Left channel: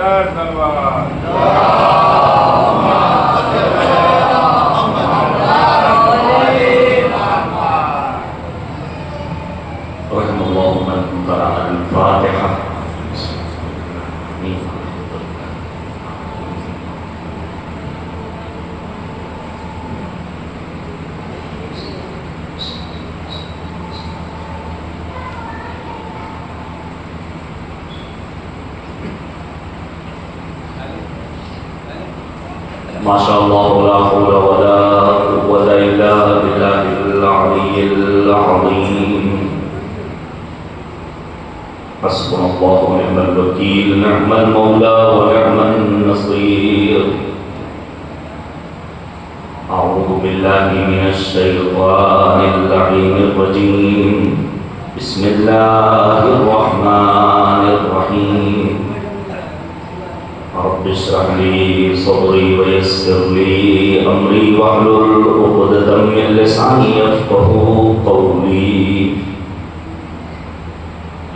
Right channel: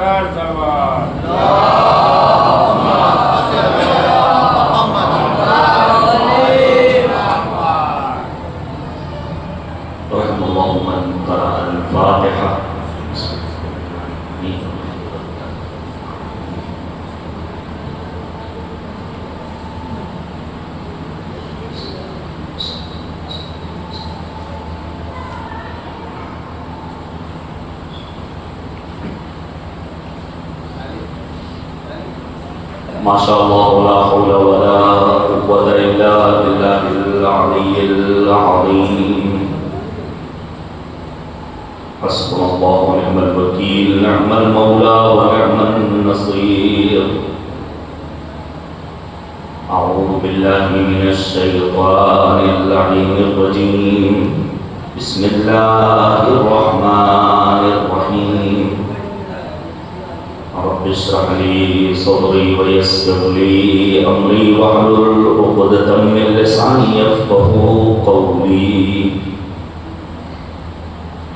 رحم الله من قرأ الفاتحة. ما شاء الله لا حول ولا قوة إلا بالله العلي العظيم. حسبنا الله ونعم الوكيل، نعم المولى ونعم النصير. أعوذ بالله من الشيطان اللعين الرجيم. بسم الله الرحمن الرحيم. رب اشرح لي صدري ويسر لي أمري واحلل عقدة من لساني يفقهوا قولي.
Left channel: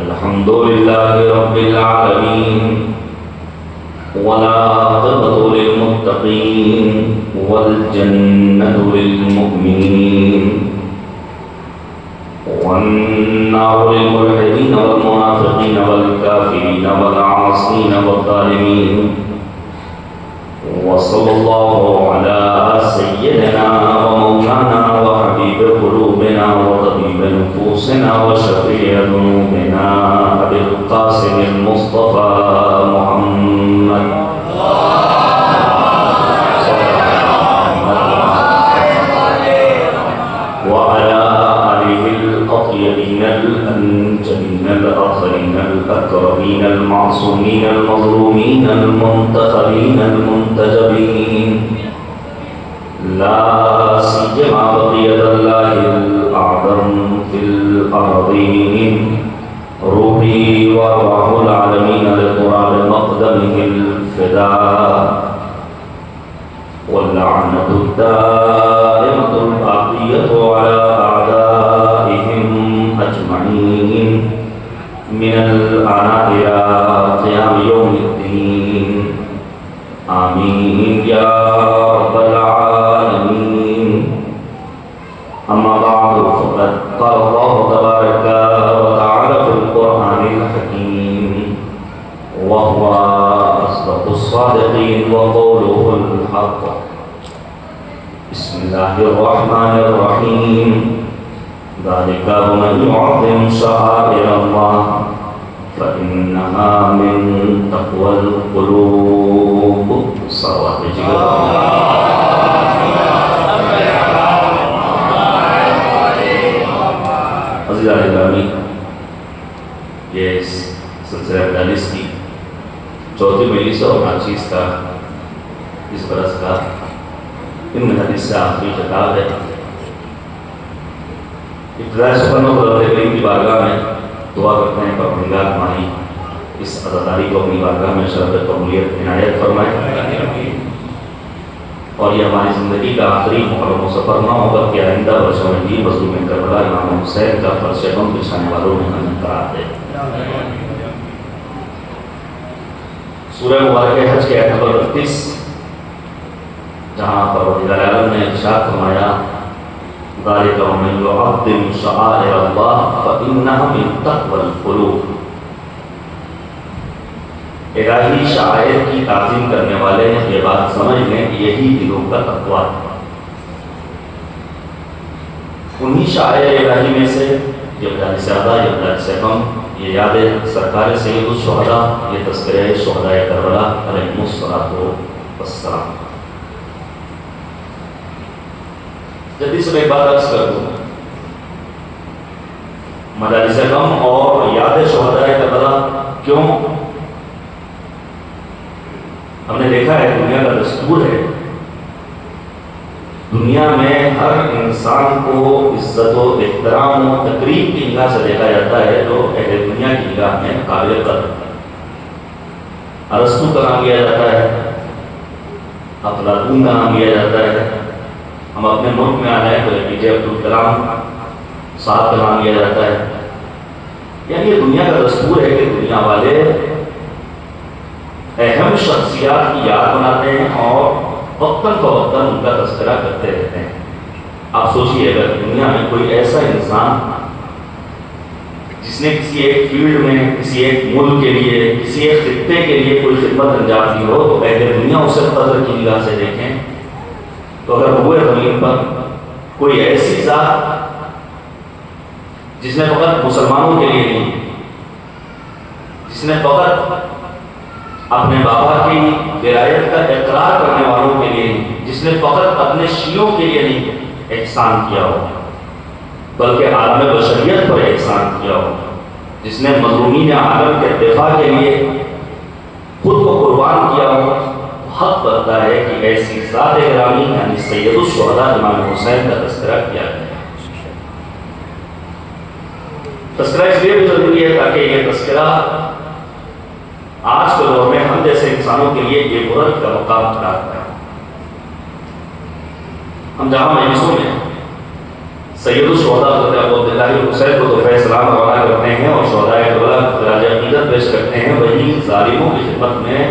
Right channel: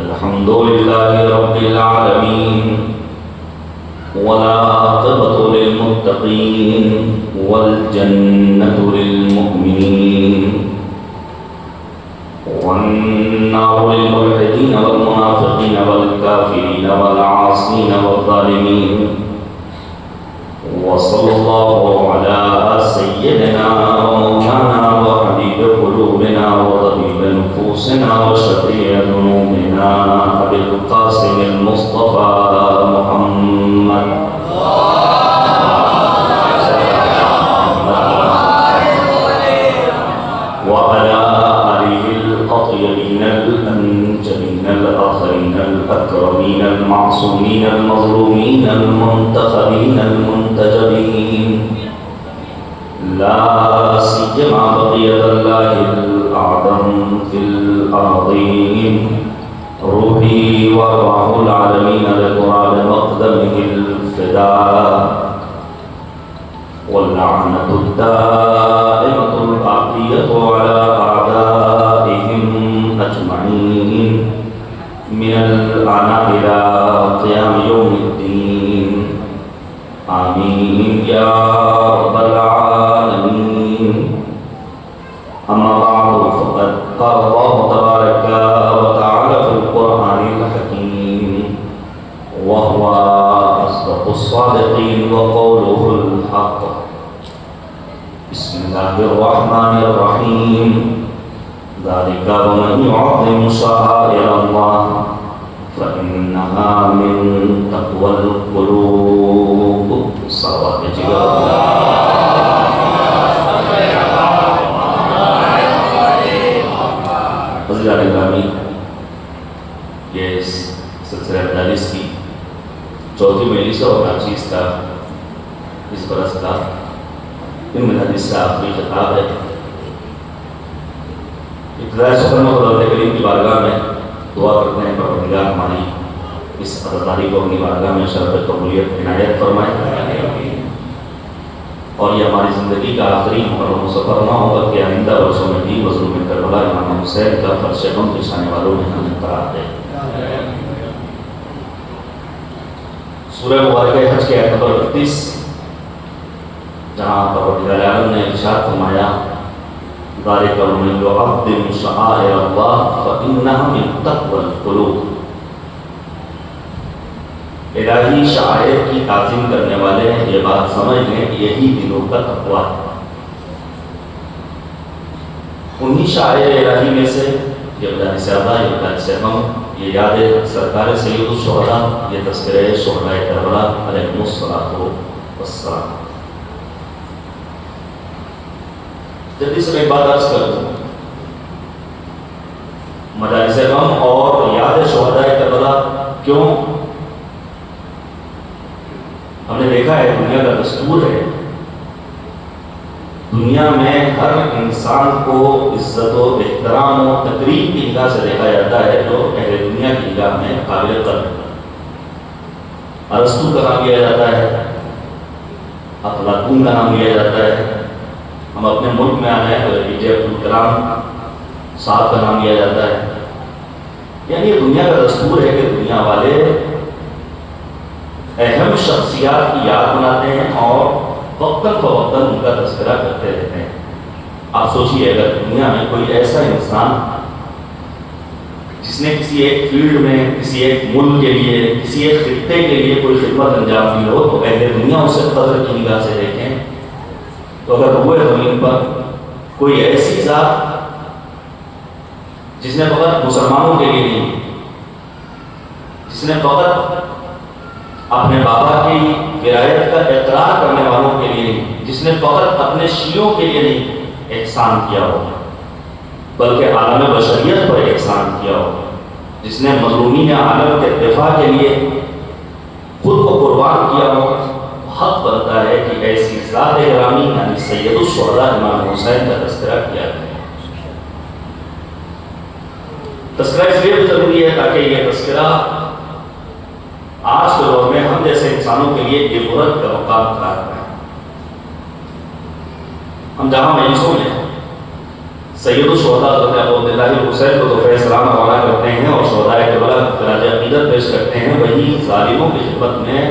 الحمد لله رب العالمين، والعاقبة للمتقين، والجنة للمؤمنين، والنار للملحدين والمنافقين والكافرين والعاصين والظالمين. وصلى الله على سيدنا ومولانا وحبيب قلوبنا وطبيب نفوسنا وشفيع ذنوبنا أبي القاسم المصطفى محمد وعلى آله الأطيبين الأنجلين الآخرين الأكرمين المعصومين المظلومين المنتخبين المنتجبين، لا سيما بقية الله الأعظم في الأرضين، روحي وروح العالمين لتراب مقدمه الفداء، واللعنة الدائمة الباقية على أعدائهم أجمعين من الآن إلى قيام يوم الدين. آمين يا رب العالمين. أما بعد، فقد قال الله تبارك وتعالى في القرآن الحكيم، وهو أصدق الصادقين وقوله الحق. بسم الله الرحمن الرحيم. ذلك ومن يعظم شعائر الله فإنها من تقوى القلوب. صلوات الجلال. یہ سلسلہ 42 کی چوتھی مجلس اور ناچیز کا اس برس کا ان حدیث سے آخری خطاب ہے. ابتدائی سفر میں خدا کریم کی بارگاہ میں دعا کرتے ہیں پروردگار ہماری اس عطاداری کو اپنی بارگاہ میں شرف قبولیت عنایت فرمائے، اور یہ ہماری زندگی کا آخری محرم سفر نہ ہو کر کے آئندہ برسوں میں بھی مظلوم کربلا امام حسین کا فرش غم بچھانے والوں میں ہمیں قرار دے. سورہ مبارکہ حج کے آیت نمبر 32 جہاں پروردگار عالم نے ارشاد فرمایا ذالک ومن یعظم شعائر اللہ فإنہا من تقوی القلوب. الہی شعائر کی تعظیم کرنے والے یہ بات سمجھ لیں کہ یہی دلوں کا تقویٰ ہے. انہی شعائر الہی میں سے یہ ابدال سیادہ، یہ ابدال سیغم، یہ یاد سرکار سید الشہداء، یہ تذکرہ شہداء کربلا علیہم الصلاۃ والسلام. جلدی سے میں ایک بات عرض کر دوں، مجالس غم اور یاد شہداء کربلا کیوں؟ ہم نے دیکھا ہے دنیا کا دستور ہے، دنیا میں ہر انسان کو عزت و احترام و تقریب کی نگاہ سے دیکھا جاتا ہے جو اہل دنیا کی نگاہ میں قابل قدر. ارسطو کا نام لیا جاتا ہے، افلاطون کا نام لیا جاتا ہے. ہم اپنے ملک میں آ جائیں تو اے پی جے عبدالکلام صاحب کا نام لیا جاتا ہے. یعنی یہ دنیا کا دستور ہے کہ دنیا والے اہم شخصیات کی یاد بناتے ہیں اور وقتاً فوقتاً ان کا تذکرہ کرتے رہتے ہیں۔ آپ سوچیے اگر دنیا میں کوئی ایسا انسان جس نے کسی ایک فیلڈ میں، کسی ایک ملک کے لیے، کسی ایک خطے کے لیے کوئی خدمت انجام دی ہو تو پہلے دنیا اسے قدر کی نگاہ سے دیکھیں۔ تو اگر ہوئے زمین پر کوئی ایسی ذات جس نے فقط مسلمانوں کے لیے نہیں، جس نے فقط اپنے بابا کی ولایت کا اقرار کرنے والوں کے لیے نہیں، جس نے فقط اپنے شیعوں کے لیے نہیں احسان کیا ہو بلکہ عالم بشریت پر احسان کیا ہو، جس نے مظلومین عالم کے دفاع کے لیے خود کو قربان کیا ہو، حق بنتا ہے کہ ایسی ذات گرامی یعنی سید الشہداء امام حسین کا تذکرہ کیا جائے۔ تذکرہ اس لیے بھی ضروری ہے تاکہ یہ تذکرہ آج کے دور میں ہم جیسے انسانوں کے لیے عبرت کا مقام بنا ہے۔ ہم جہاں مجلسوں میں سید الشہداء حضرت ابو عبداللہ حسین کو تحفہ سلام روانہ کرتے ہیں اور شہداء کربلا کو خراج عقیدت پیش کرتے ہیں، وہی ظالموں کی خدمت میں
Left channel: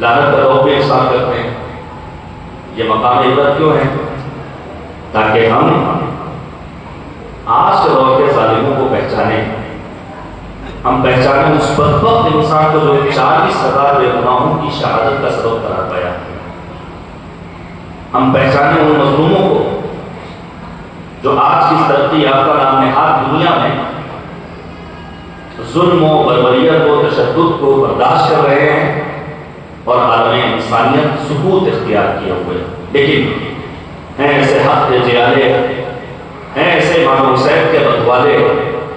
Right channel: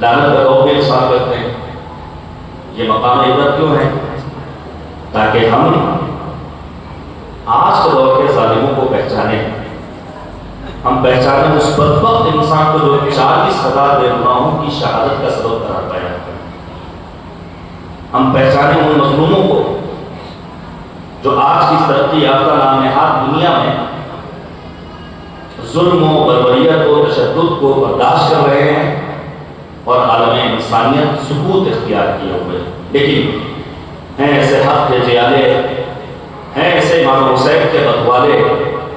لعنت کا توقع ارسال کرتے ہیں۔ یہ مقام عبرت کیوں ہے؟ تاکہ ہم آج کے دور کے ظالموں کو پہچانیں، ہم پہچانیں اس بدبخت انسان کو جو 40,000 بے گناہوں کی شہادت کا سبب قرار پایا، ہم پہچانیں ان مظلوموں کو جو آج کی ترقی یافتہ نام نہاد دنیا میں ظلم و بربریت و تشدد کو برداشت کر رہے ہیں اور عالم انسانیت سکوت اختیار کیے ہوئے، لیکن ہیں ایسے حق کے جیالے، ہیں ایسے امام حسین کے بدوالے،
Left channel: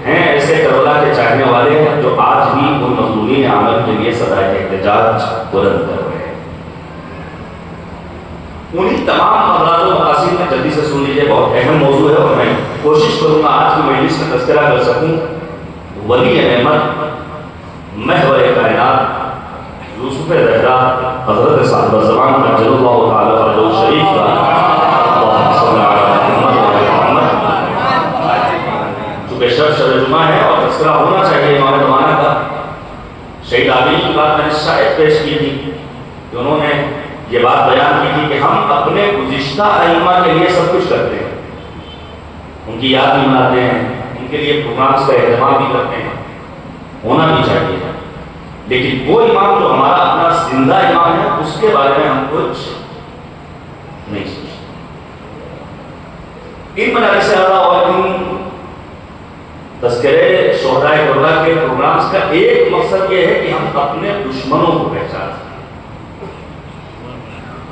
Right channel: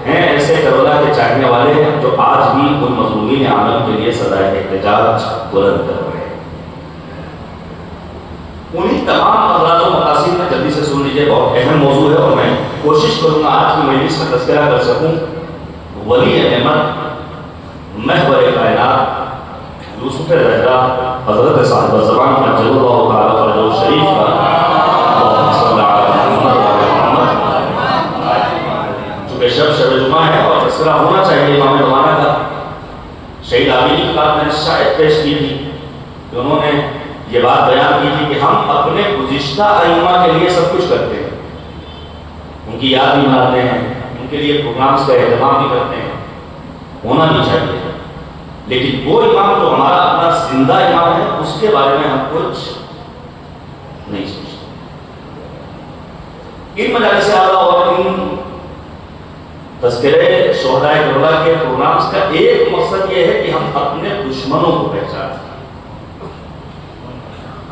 ہیں ایسے کربلا کے چاہنے والے جو آج بھی ان مظلومین عالم کے لیے صدائے احتجاج بلند کر رہے ہیں۔ انہیں تمام امراض و مقاصد میں جلدی سے سن لیجیے، بہت اہم موضوع ہے اور میں کوشش کروں گا آج کی مجلس میں تذکرہ کر سکوں ولی نعمت محور کائنات یوسف زہرا حضرت صاحب الزمان عجل اللہ تعالی فرجہ الشریف کا اللہم صلی علی محمد۔ چونکہ شب جمعہ ہے اور تذکرہ ہونا چاہیے امام زمانہ کا، شہید عابدی کی بات میں نے شاید پیش کی تھی کہ انہوں نے یہ بات بیان کی تھی کہ ہم اپنے گزشتہ ائمہ کے لیے سب کچھ کرتے ہیں، ان کی یاد بھی مناتے ہیں، ان کے لیے پروگرامز کا اہتمام بھی کرتے ہیں، ہونا بھی چاہیے، لیکن وہ امام جو ہمارا اپنا زندہ امام ہے اس کے بارے میں ہم کچھ نہیں سوچتے۔ ان مجالس اعلیٰ اور ان تذکرے شہداء کربلا کے پروگرامز کا ایک مقصد یہ ہے کہ ہم اپنے دشمنوں کو پہچان سکیں۔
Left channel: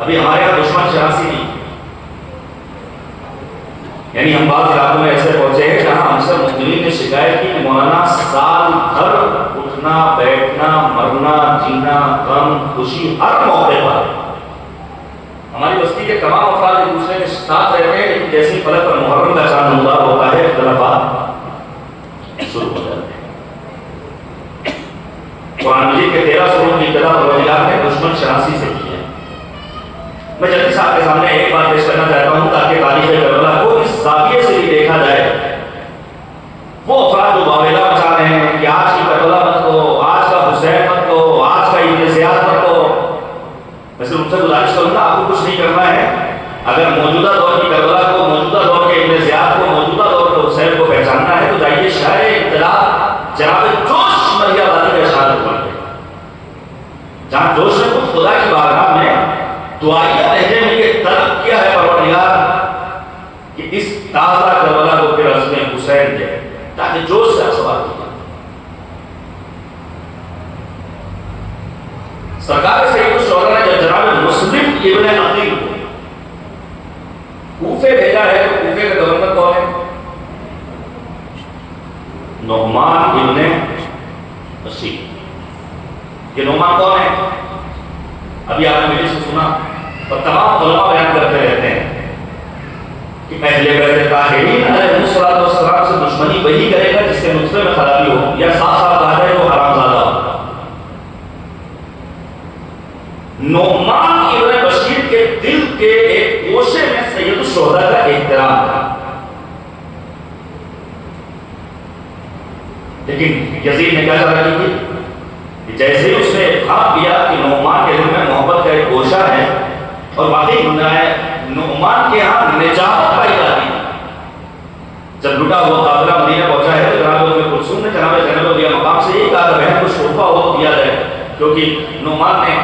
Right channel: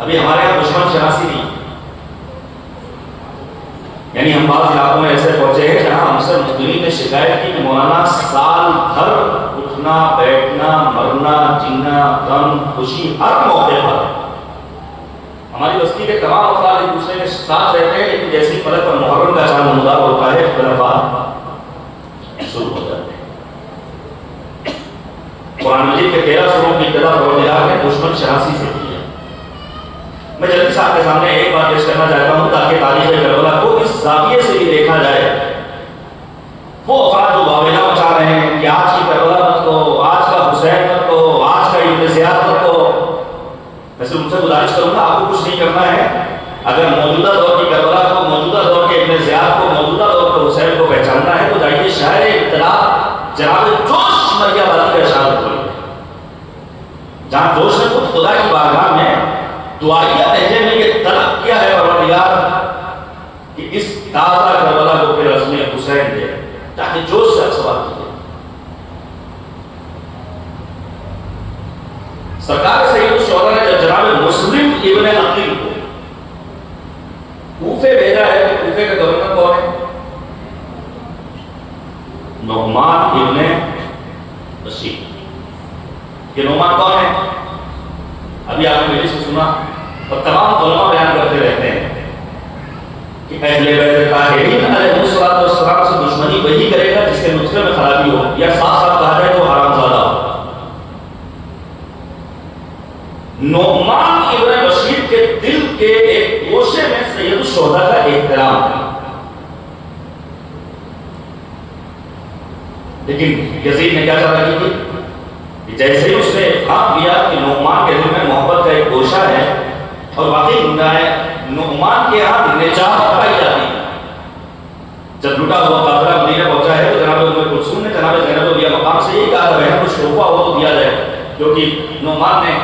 ابھی ہمارے یہاں دشمن شناسی نہیں، یعنی ہم بعض علاقوں میں ایسے پہنچے ہیں جہاں ہم سے مسلمین نے شکایت کی کہ مولانا سال بھر اٹھنا بیٹھنا مرنا جینا غم خوشی ہر موقع پر ہماری بستی کے تمام افراد ایک دوسرے کے ساتھ رہتے ہیں، لیکن جیسے ہی فلک پر محرم کا چاند نمودار ہوتا ہے اختلافات شروع ہو جاتے ہیں۔ قرآن مجید کے 13 سوروں کی ابتدا پروردگار نے دشمن شناسی سے کی ہے۔ میں جلدی سے آپ کے سامنے ایک بات پیش کرنا چاہتا ہوں تاکہ تاریخ کربلا کو اس زاویے سے بھی دیکھا جائے۔ وہ افراد جو واویلا مچا رہے ہیں کہ آج کی کربلا مت کو، آج کا حسین مت کو، آج کا ابن زیاد مت کو، میں صرف ان سے گزارش کروں گا آپ کو کچھ نہیں کرنا ہے۔ اگر موجودہ دور کی کربلا کو، موجودہ دور کے ابن زیاد کو، موجودہ دور کے حسین کو پہچاننا ہے تو جائیے شاعر ابتدا جناب جوش مریم آبادی کا اشارہ کریں، جہاں جوش نے خود خدا کی بارگاہ میں دعائیہ لہجے میں یہ طلب کیا ہے پروردگار کہ اس تازہ کربلا کو پھر عزم حسین دے، تاکہ جوش سے آپ سوال کیجیے۔ سرکار سید الشہداء نے جب جناب مسلم ابن عقیل کو کوفے بھیجا ہے تو کوفے کے گورنر کون ہے؟ نعمان ابن بشیر۔ کہ نعمان کون ہے؟ ابھی آپ نے مجھے سے سنا اور تمام علماء بیان کرتے رہتے ہیں کہ اہل بیت طاہرین علیہ السلام سے دشمنی وہی کرے گا جس کے نطفے میں خرابی ہو، یا صاف صاف کہا جائے وہ حرام زادہ ہو۔ نعمان ابن بشیر کے دل کے ایک گوشے میں سید الشہداء کا احترام تھا، لیکن یزید نے کیا چاہا کی کہ جیسے ہی اس نے کہا کہ بہن کچھ تحفہ ہو تو دیا جائے، کیونکہ نعمان نے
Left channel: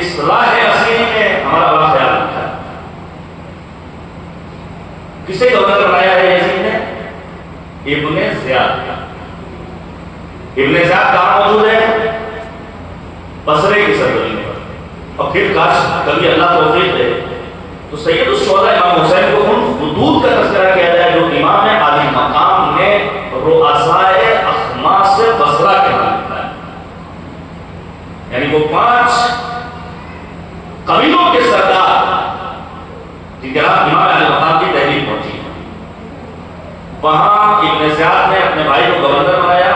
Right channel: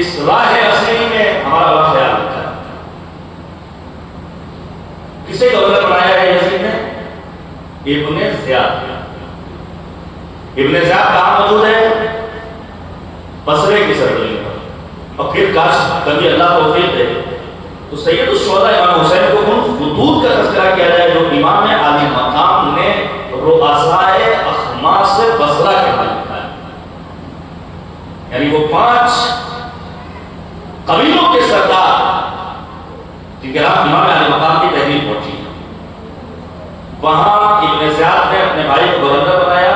اس راہ اصلی میں ہمارا بڑا خیال رکھا ہے۔ کسے گورنر بنایا ہے یزید نے؟ ابن زیاد۔ ابن زیاد کہاں موجود ہے؟ بصرے کی سرزمین پر۔ اور پھر کاش کبھی اللہ توفیق دے تو سید الشہداء امام حسین کو ان خطوط کا تذکرہ کیا جائے جو امام عالی مقام نے رؤسائے اخماس بصرہ کے بارے میں لکھا ہے، یعنی وہ 5 قبیلوں کے سردار جن کے ہاتھ امام عالی مقام کی تحریر پہنچی، وہاں ابن زیاد نے اپنے بھائی کو گورنر بنایا،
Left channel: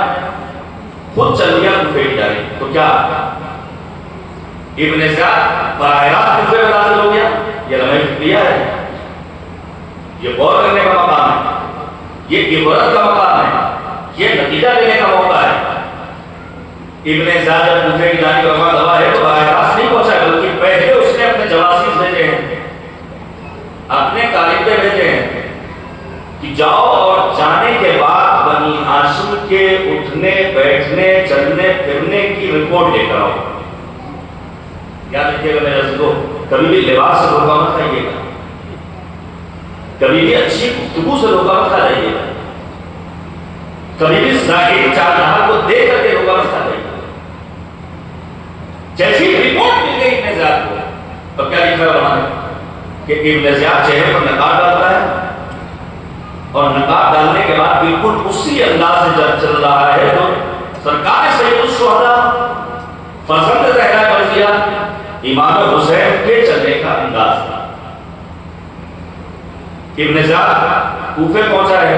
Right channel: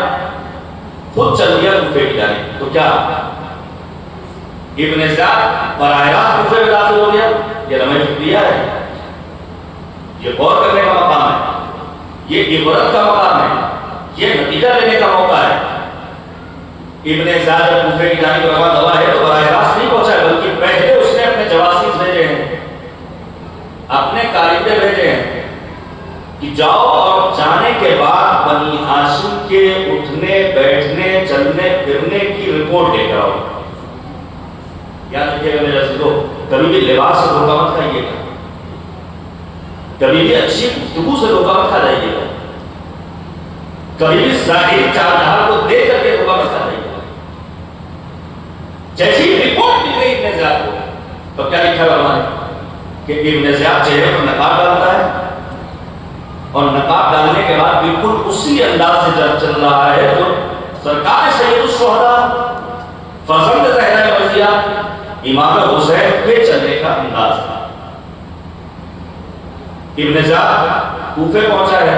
خود چل گیا کوفے کی جانب۔ تو کیا ابن زیاد براہ راست کوفے میں داخل ہو گیا؟ یہ لمحہ فکریہ ہے، یہ غور کرنے کا مقام ہے، یہ عبرت کا مقام ہے، یہ نتیجہ لینے کا موقع ہے۔ ابن زیاد جب کوفے کی جانب روانہ ہوا ہے تو براہ راست نہیں پہنچا، بلکہ پہلے اس نے اپنے جواسیس بھیجے ہیں، اپنے کارندے بھیجے ہیں کہ جاؤ اور جانے کے بعد بنی ہاشم کے اٹھنے بیٹھنے چلنے پھرنے کی رپورٹ لے کر آؤ۔ یاد رکھیے گا میرے عزیزو، کبھی بھی لباس سے دھوکہ مت کھائیے گا، کبھی بھی اچھی گفتگو سے دھوکہ مت کھا جائیے گا، کبھی بھی ظاہری چال ڈھال کو دیکھ کر کے دھوکہ مت کھا جائیے گا۔ جیسی رپورٹ مل گئی ابن زیاد کو تو کیا لکھا ہے ہمارے کہ ابن زیاد چہرے پر نقاب ڈالتا ہے، اور نقاب ڈالنے کے بعد بالکل اسی انداز سے چل رہا ہے تو سرکار سید الشہداء فرزند زہرا مرضیہ امام حسین کے چلنے کا انداز تھا۔ ابن زیاد کوفے پہنچا ہے،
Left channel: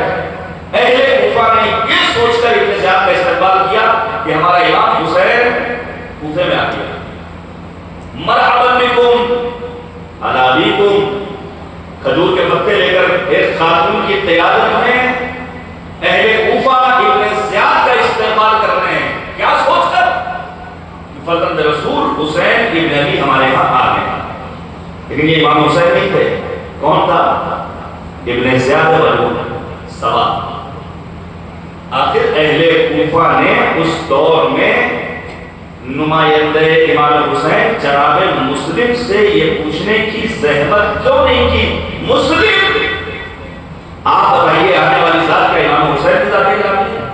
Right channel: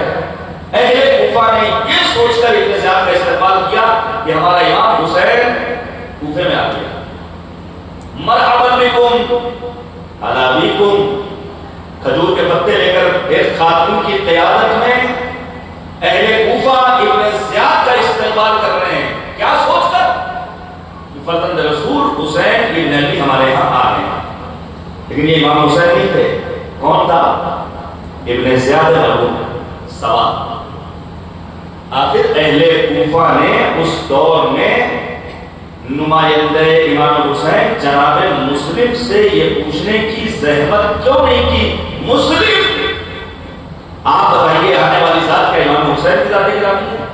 اہل کوفہ نے یہ سوچ کر ابن زیاد کا استقبال کیا کہ ہمارا امام حسین کوفے میں آ گیا، مرحبا بکم علی ابیکم، کھجور کے پتے لے کر ایک خاتون کی قیادت میں اہل کوفہ ابن زیاد کا استقبال کر رہے ہیں، کیا سوچ کر کہ فرزند رسول حسین ابن علی ہمارے یہاں آ گئے۔ لیکن یہ امام حسین نہیں تھے، کون تھا؟ ابن زیاد مرحوم سوا۔ آخر اہل کوفہ نے اس دور میں نمائندہ امام حسین جناب مسلم سے یہ پوچھنے کی زحمت کیوں نہیں کی؟ مسلم آپ بتائیے آنے والی ذات کے امام حسین کی ذات گرامی ہے۔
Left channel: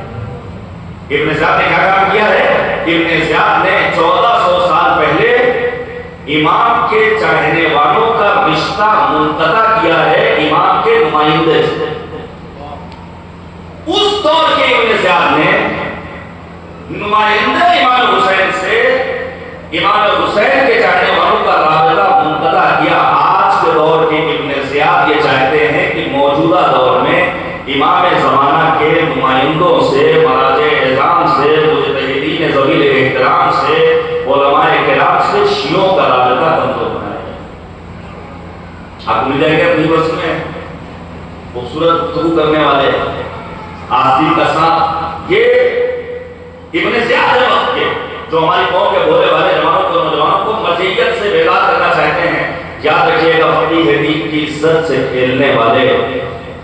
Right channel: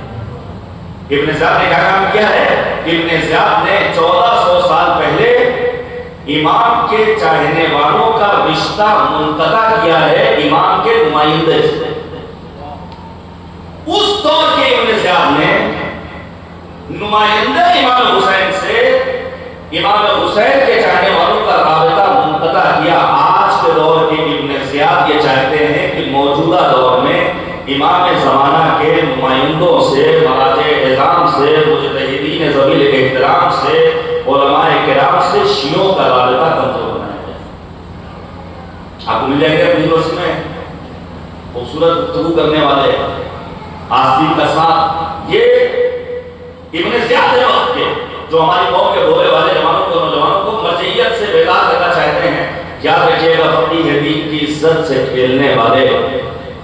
ابن زیاد نے کیا کام کیا ہے؟ ابن زیاد نے 1400 سال پہلے امام کے چاہنے والوں کا رشتہ منقطع کیا ہے امام کے نمائندے سے۔ اس دور کے ابن زیاد نے نمائندہ امام حسین سے امام حسین کے چاہنے والوں کا رابطہ منقطع کیا۔ آج کے دور کے ابن زیاد یہ چاہتے ہیں کہ موجودہ دور میں امام زمانہ کے نمائندوں سے، مراجع اعظام سے، مجتہدین ذوی الاحترام سے، علماء کرام سے شیعوں کا رابطہ کمزور بنایا جائے۔ آپ کو مل جائیں گے اپنی بس میں خوبصورت گفتگو کرنے والے، آستی کا ساتھ، یہ ابن زیاد وقت کے جو ہماری قوم کے بولے والے نوجوانوں کو مرجعیت سے بیدار کرنا چاہتے ہیں۔ یاد رکھیے گا، فقیہ حدیث کی عزت سے کھیلنے والے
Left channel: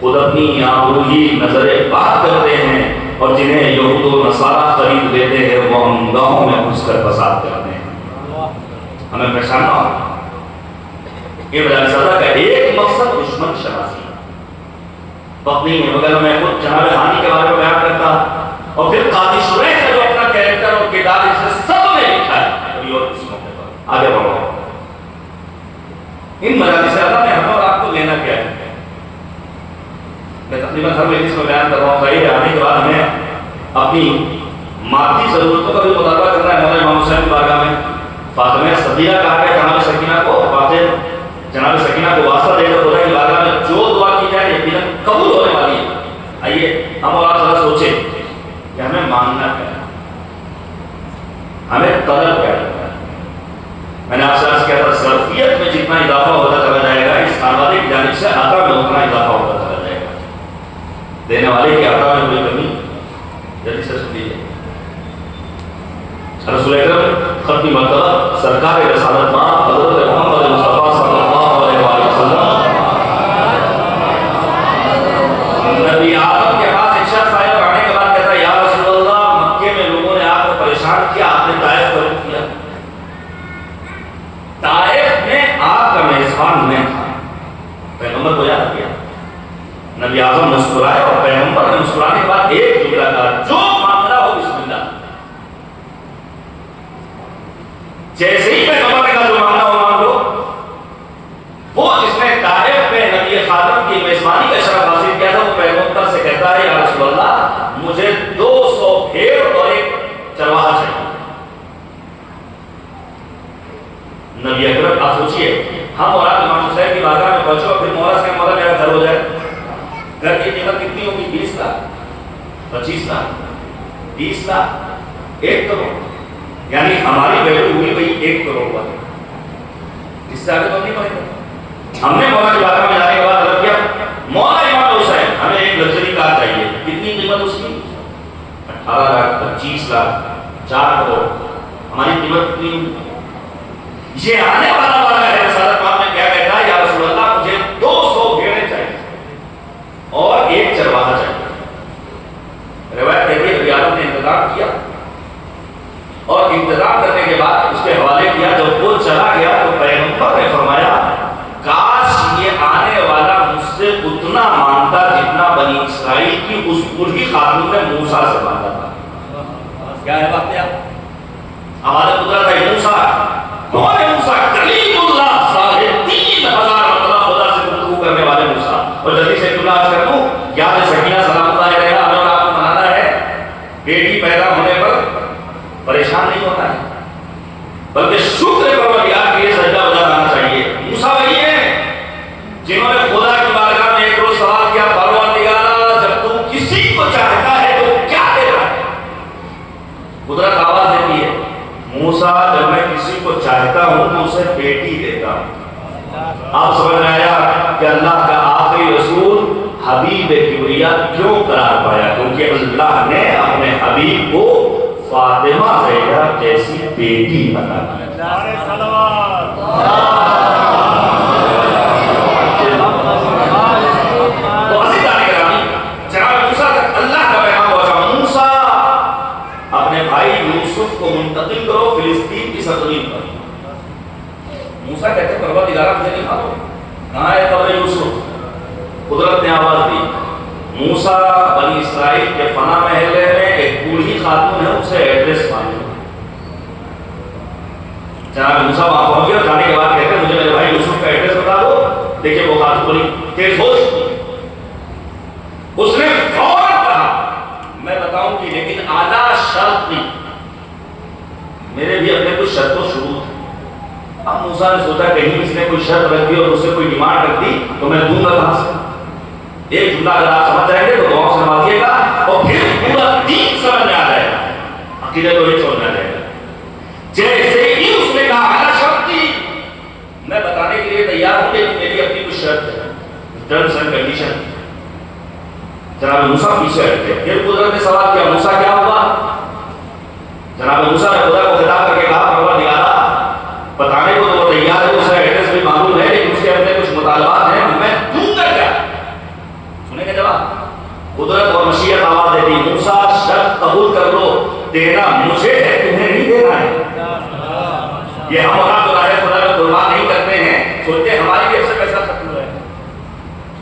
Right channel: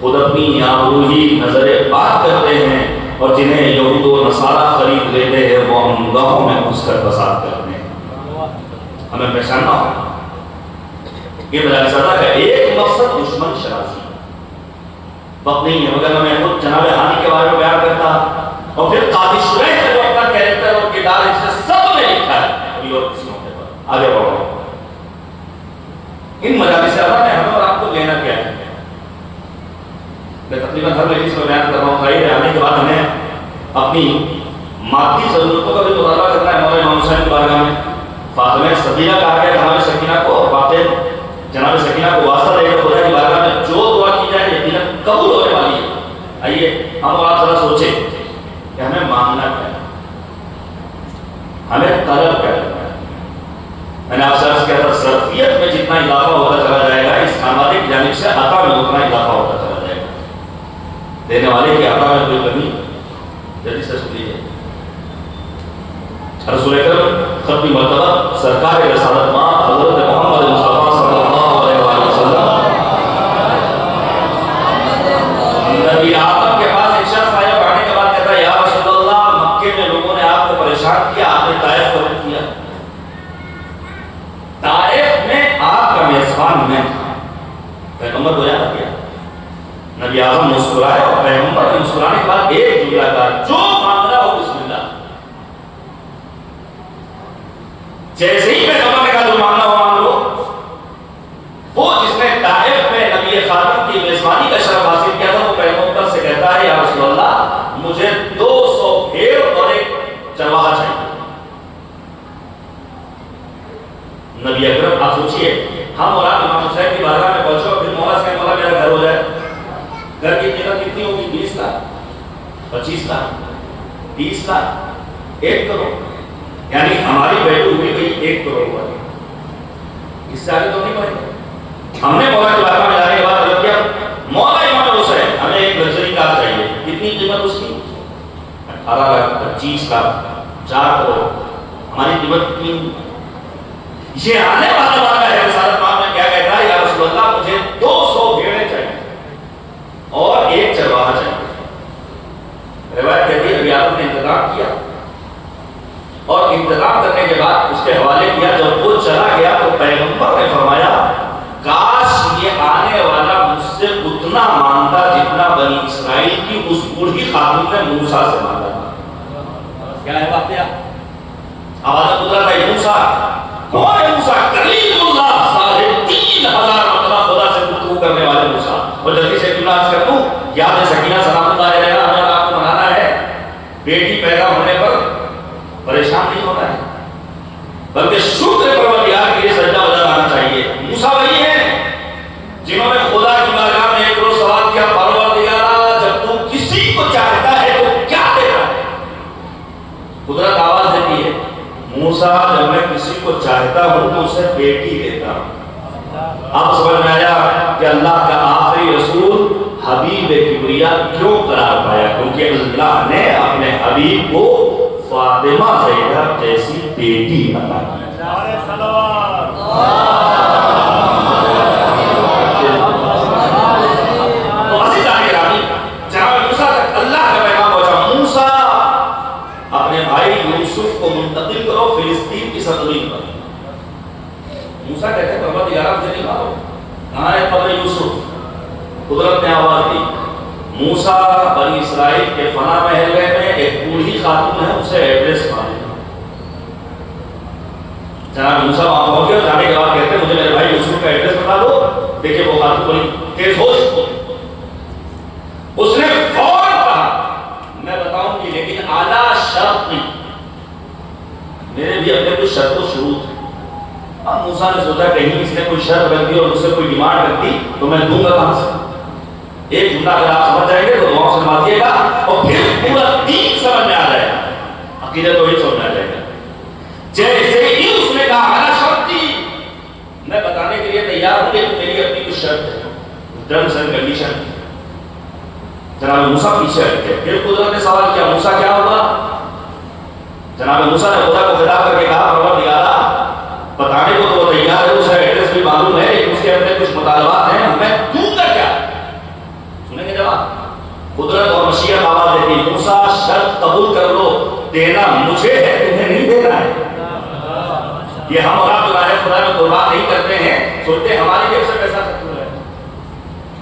خود اپنی آبروئی نظر بات کرتے ہیں، اور جنہیں یہود و نصارہ خرید لیتے ہیں وہ ہم گاہوں میں گھس کر فساد کرتے ہیں۔ ہمیں پہچاننا ہوگا کہ بجائے سزا کا ایک مقصد دشمن شناسی وقت نہیں ہے، مگر میں خود جناب ہانی کے بارے میں بیان کرتا، اور پھر قاضی شریح کا جو اپنا کیریکٹر اور کردار اس سے سب نے لکھا ہے، کبھی اور کسی موقع پر آگے بڑھو۔ ان مجالس اعلیٰ نے ہمیں اور آپ کو لینا کیا ہے؟ میں تقریباً ہر مجلس میں بیان کر رہا ہوں، ظاہر ہے آنے کے بعد ہمیں اپنی مادی ضرورتوں کا بھی مطالبہ کرنا ہے۔ ہمارے امام حسین کی بارگاہ میں فاطمہ صدیقہ کہا ہے، جناب سکینہ کو جناب سکینہ کو واسطہ دے کر خدا کی بارگاہ میں جو دعا کی جائے یقیناً قبول ہونے والی ہے۔ آئیے ہم اور آپ ذرا سوچیں کہ ہمیں مانگنا کیا ہے، ہمیں طلب کیا ہے۔ میں نے آپ سے عرض کیا تھا، ظرفیت میں جتنا اضافہ ہوتا چلا جائے گا، اس خانوادے کی جانب سے عطا میں اتنا اضافہ ہوتا چلا جائے گا۔ دینے والے کی عطا میں کوئی کمی جلدی سے سن لیجیے۔ رسول اکرم ختم مرتبہ سرکار رسالت ماں حضرت محمد مصطفیٰ صلی اللہ علیہ وسلم نبی آدم کے پاس ایک شخص آیا، آنے کے بعد کہتا ہے یا رسول اللہ، مکے میں لوگوں نے آپ کو پریشان پریشان کیا، آپ نے طائف کو رد کیا. طائف میں آپ کا میزبان میں تھا. پیغمبر کو یاد کیا. نبی اعظم مسکرائے اور پیغمبر نے مسکرانے کے بعد ایک جملہ کہا، جو مانگنا ہو بسم اللہ. جیسے ہی پیغمبر نے کہا جو مانگنا ہو مانگ لو، وہ جس نے طائف میں نبی خاتم کی میزبانی کا شرف حاصل کیا تھا، وہ پیغمبر سے کہتا ہے یا رسول اللہ مجھے 200 بھیڑ اور ایک چرواہا چاہیے. نبی اکرم آپ سوچئے ہم اور آپ امام حسین کی بارگاہ میں پہنچو اور پھر مولا سے مولا میرا گھر ہو جائے. گھر کی قیمت کتنی ہوگی؟ 20 لاکھ 25 لاکھ 30 لاکھ 1 کروڑ. یعنی ہماری ویلو ہوئی گئی 1 کروڑ پر. اس سے آگے تو نہیں پڑے گا. ہم نے مولا کی بارگاہ میں جانے کے بعد عرض کیا مولا امام حسین ہمیں ایک لگژری کار چاہیے. کتنی قیمت اس کی؟ 18 لاکھ 25 لاکھ 4 کروڑ. ہماری قیمت کتنی؟ یہ آنے والا والا ہے رسالت پاک میں کیا کہتا ہے یا رسول اللہ مجھے 200 بھیڑیں چاہیے اور ایک چرواہا چاہیے. روایت کہتی ہے نبی اعظم نے انتظام کیا اور انتظام کرنے کے بعد اس کے حوالے کیا. جب وہ چلا گیا تو پیغمبر نے فرمایا کاش یہ آنے والا مجھ سے اتنا مانگتا جتنا بنی اسرائیل کی اس بوڑھی خاتون نے موسیٰ سے مانگا تھا. کیا ہے واقعہ؟ آواز قدرت ہے موسیٰ کون ہے؟ موسیٰ کلیم اللہ صاحب 3000 مرتبہ خدا سے گفتگو کرنے والے موسیٰ. اور جلدی سے اللہ کر دوں یاد ہے سکینہ سلام اللہ علیہ ہمیں اور آپ کو منانا ہے بیٹی پیدا ہونے پر پریشان نہیں ہونا ہے بلکہ شکر پروردگار کے لیے سجدہ وجہ آنا چاہیے. موسیٰ وہی ہیں جنہوں نے خدا کی بارگاہ میں ایک روز سوال کیا پروردگار جب تو کسی کو چاہتا ہے تو کیا دیتا ہے؟ قدرت آواز دیتی ہے موسیٰ جب میں کسی کو چاہتا ہوں تو اسے بیٹی دیتا ہوں. اب سمجھ میں آیا کہ اللہ کا آخری رسول حبیب کبریا کیوں قرار پایا؟ کیونکہ اللہ نے اپنے حبیب کو فاطمہ زہرا جیسی بیٹی بنا دی. تو عزیزان گرامی جناب موسیٰ تک اللہ کا پیغام پہنچا. موسیٰ اپنے بھائی یوسف کو منتقل کرو فلسطین کی سرزمین پر. موسیٰ کہتے ہیں پروردگار مجھے نہیں مارو. کہاں ہے قبر یوسف؟ قدرت نے آواز دی موسیٰ بنی اسرائیل کے فنا محلے میں ایک بوڑھی خاتون ہے اسے ایڈریس معلوم. جناب موسیٰ وہاں پہنچ گئے اور جانے کے بعد کہتے ہیں مجھے میرے بھائی یوسف کا ایڈریس بتا دو. دیکھیے وہ خاتون بڑی تیز ہوش اس نے فوراً کہا میں بتاؤں گی لیکن اعلیٰ شرط کی. میرے بھی اپنے کچھ شرط و شروط. اب موسیٰ نے سوچا کہیں اس نے کوئی شرط رکھ دی اور اس سے کوئی ڈیمانڈ رکھ دی تو میں دوں گا کہاں سے؟ ایک جملہ اگر آپ سمجھ جائیں گے تو دعاؤں سے نوازیے گا اور پھر پورا دین سمجھ میں آ جائے گا. عقیدہ تو ہی سمجھ میں آ جائے گا. جیسے ہی اس نے کہا اعلیٰ شرط کی میں بتانے کے لیے تیار ہوں لیکن میری اپنی کچھ شرط ہے ٹرمز اینڈ کنڈیشن. جناب موسیٰ پیچھے ہٹے. پھر قدرت نے سوال کیا موسیٰ کیا ہوا؟ جناب موسیٰ نے خدا کو خطاب کر کے کہا پروردگار بتانے کو تو وہ تیار ہے اس کا ایڈریس بھی معلوم ہے لیکن اس کے اندر کچھ مطالبات ہیں میں دوں گا کیا؟ سنیں گے جواب. قدرت اور مشیت آواز دیتی موسیٰ شرط قبول کر لو دینا مجھے ہے تمہیں نہیں دینا ہے. یہ ہم اور آپ خدا میں قربان نہیں کرتے ہیں سوچتے ہیں ہماری جیب سے پیسہ ختم ہے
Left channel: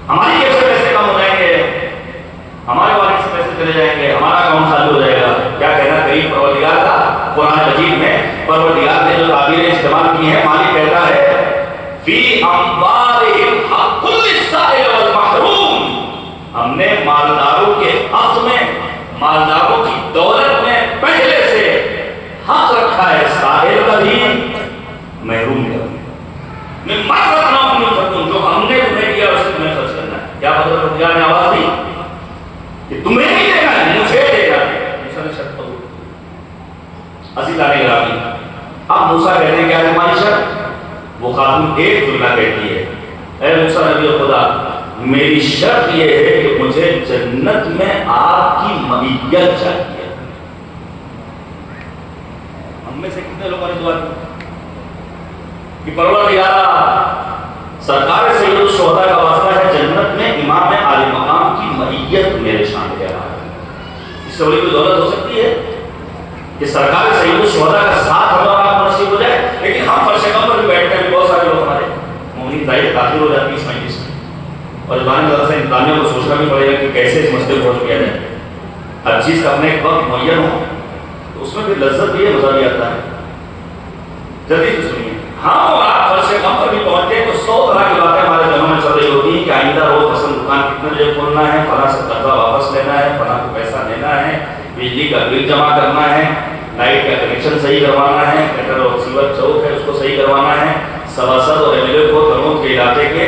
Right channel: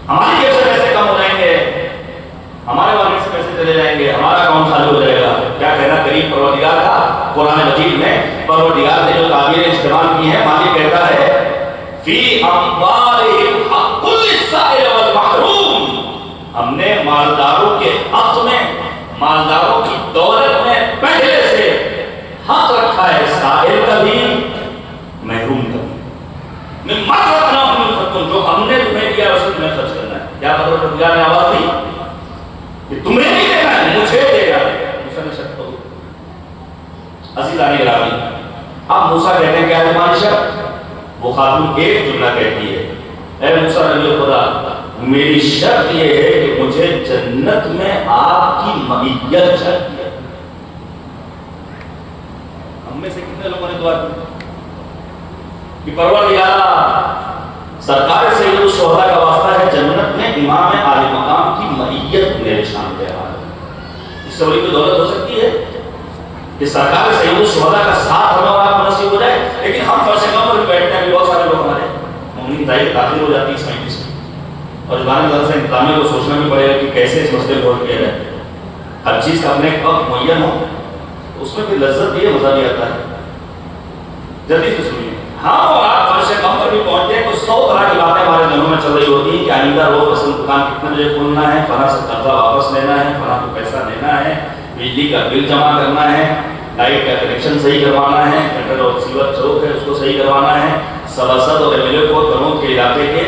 ہماری جیب سے پیسے کم ہو جائیں گے ہمارے والد سے پیسے چلے جائیں گے ہمارا اکاؤنٹ خالی ہو جائے گا. کیا کہنا کریم پروردگار کا قرآن مجید میں پروردگار نے جو تعبیریں استعمال کی ہیں مالک کہتا ہے فی اموالہم حق للسائل والمحروم. ہم نے مالداروں کے حق میں مالداروں کی دولت میں پہلے سے حق رکھا ہے سائل کا بھی محروم کا بھی. میں مال رکھنا ہوں جو ہم نے تمہیں دیا اسے تمہیں خرچ کرنا ہے. کیا مطلب پروردگار نے آواز دی کہ تمہیں نہیں دینا ہے مجھے دینا ہے. موسیٰ نے شرط تو عزیزان گرامی اب موسیٰ کہتے ہیں کیا ہے تمہاری شرط؟ وہ خاتون ایک جملہ کہتی ہے اے موسیٰ نبی خدا میری شرط یہ ہے کہ مجھے جنت میں آپ کی معیت چاہیے. ہم میں سے کتنے لوگوں نے دعا کی کہ پروردگار سرکار سید الشہداء کا واسطہ ہے جنت میں امام عالی مقام کی معیت میرے شامل ہے. اس سے بڑی کوئی دولت ہو سکتی ہے؟ کہ سرکار سید الشہداء کا ساتھ ہم اور آپ کو نصیب ہو جائے. لیکن ہم فرش غم پر بھی بیٹھتے ہیں. بہت سارے لوگ ہمارے مومنین ظاہر داخل ہو جاتی ہے اس مجلس میں, اور زبان مدرسہ انتظامیہ کو سوچنا بھی پڑے گا کہ کیسے اس مسئلے کو حل کیا جائے. ہر چیز کا اپنے ایک وقت معین ہو تو اس میں بھی لذت بھی ہے, مزہ بھی آتا ہے. جلدی سے سنیے. ہاں اور آپ فرش غم پر بھی پہنچتے ہیں تو 100 طرح کی باتیں ہمارے ذہنوں میں چل رہی ہوتی ہیں کہ آئندہ روز مثلاً دکان کتنے بجے کھولنا ہے, فلاں سے قرضہ واپس لینا ہے, فلاں کو پیسہ دینا ہے, بجلی کا بل جمع کرنا ہے, لائٹ کا کنیکشن صحیح کروانا ہے, گٹر اور سیور چوک ہے اس کو صحیح کروانا ہے, سباسد اور ایم ایل اے کو کرموت کے علاقے کے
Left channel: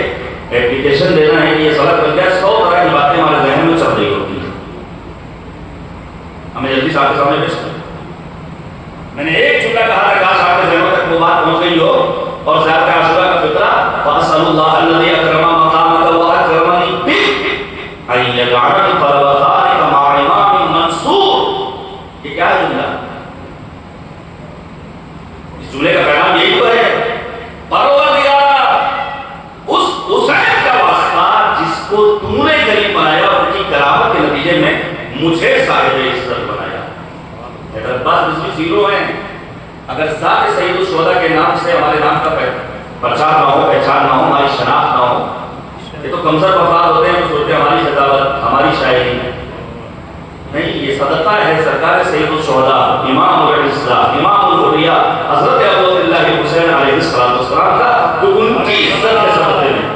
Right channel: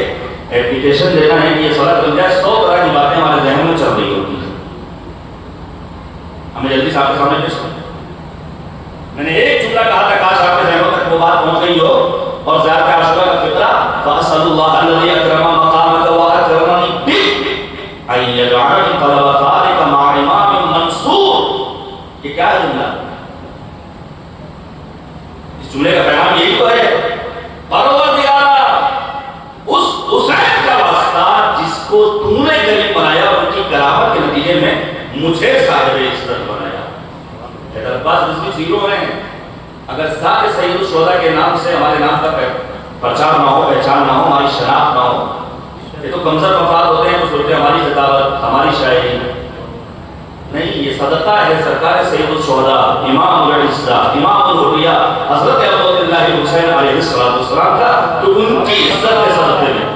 ایپلیکیشن دینا ہے کہ یہ سڑک بن جائے. 100 طرح کی باتیں ہمارے ذہن میں چل رہی ہوتی ہیں. ہمیں جلدی سے آپ کے سامنے پیش کریں. میں نے ایک جملہ کہا تھا, کاش آپ کے ذہنوں تک وہ بات پہنچ گئی ہو. اور زیادہ عاشورہ کا فطرہ فَأَسْأَلُ اللَّهَ الَّذِي أَكْرَمَ مَقَامَكَ وَأَكْرَمَنِي بِهِ أَن يَجْعَلَنِي طَلَبَ ذَلِكَ مَعَ إِمَامٍ مَنْصُورٍ. یہ کیا ہے جملہ؟ اس جملے کا پیغام یہی تو ہے, پروردگارا اس حسین کا واسطہ جس کو تو نے غریب بنایا اور ان کی کرامت کے نتیجے میں مجھے صاحب عزت بنایا. بس رزقی زیرو ہیں. اگر ذات سید الشہداء کے نام سے ہمارے نام کا پرچار نہ ہو, پہچان نہ ہو, ہماری شناخت نہ ہو, یہ تو کمزور افراد ہوتے ہیں جو سوچتے ہیں ہماری خطابت, ہماری شاعری نہیں. یہ صدقہ ہے سرکار سید الشہداء, امام العزہ, امام الحریہ حضرت عبداللہ حسین علیہ السلام کا, تو ان کی عزت کے صدقے میں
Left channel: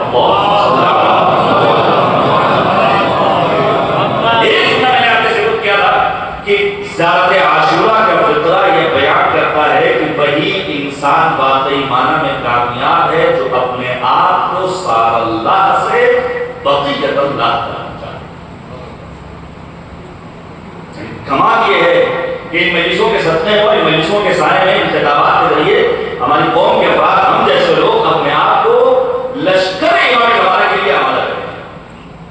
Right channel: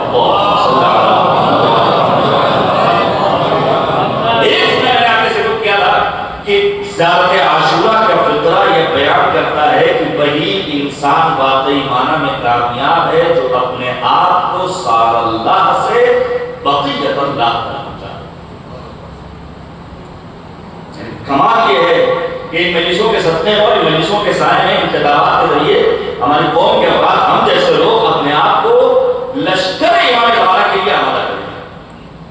ذات عاشورہ کا فطرہ یہ بیان کرتا ہے کہ وہی انسان واقعی معنی میں کامیاب ہے جو اپنے آپ کو سار اللہ سے بقیت اللہ تک چاہے. کمال یہ ہے کہ ان مجلسوں کے صدقے پر, ان مجلسوں کے سائے میں, انتخابات کے ذریعے ہماری قوم کے افراد, ہم جیسے لوگ اپنے آپ کو لشکر امام کمالہ کے لیے آمادہ کریں.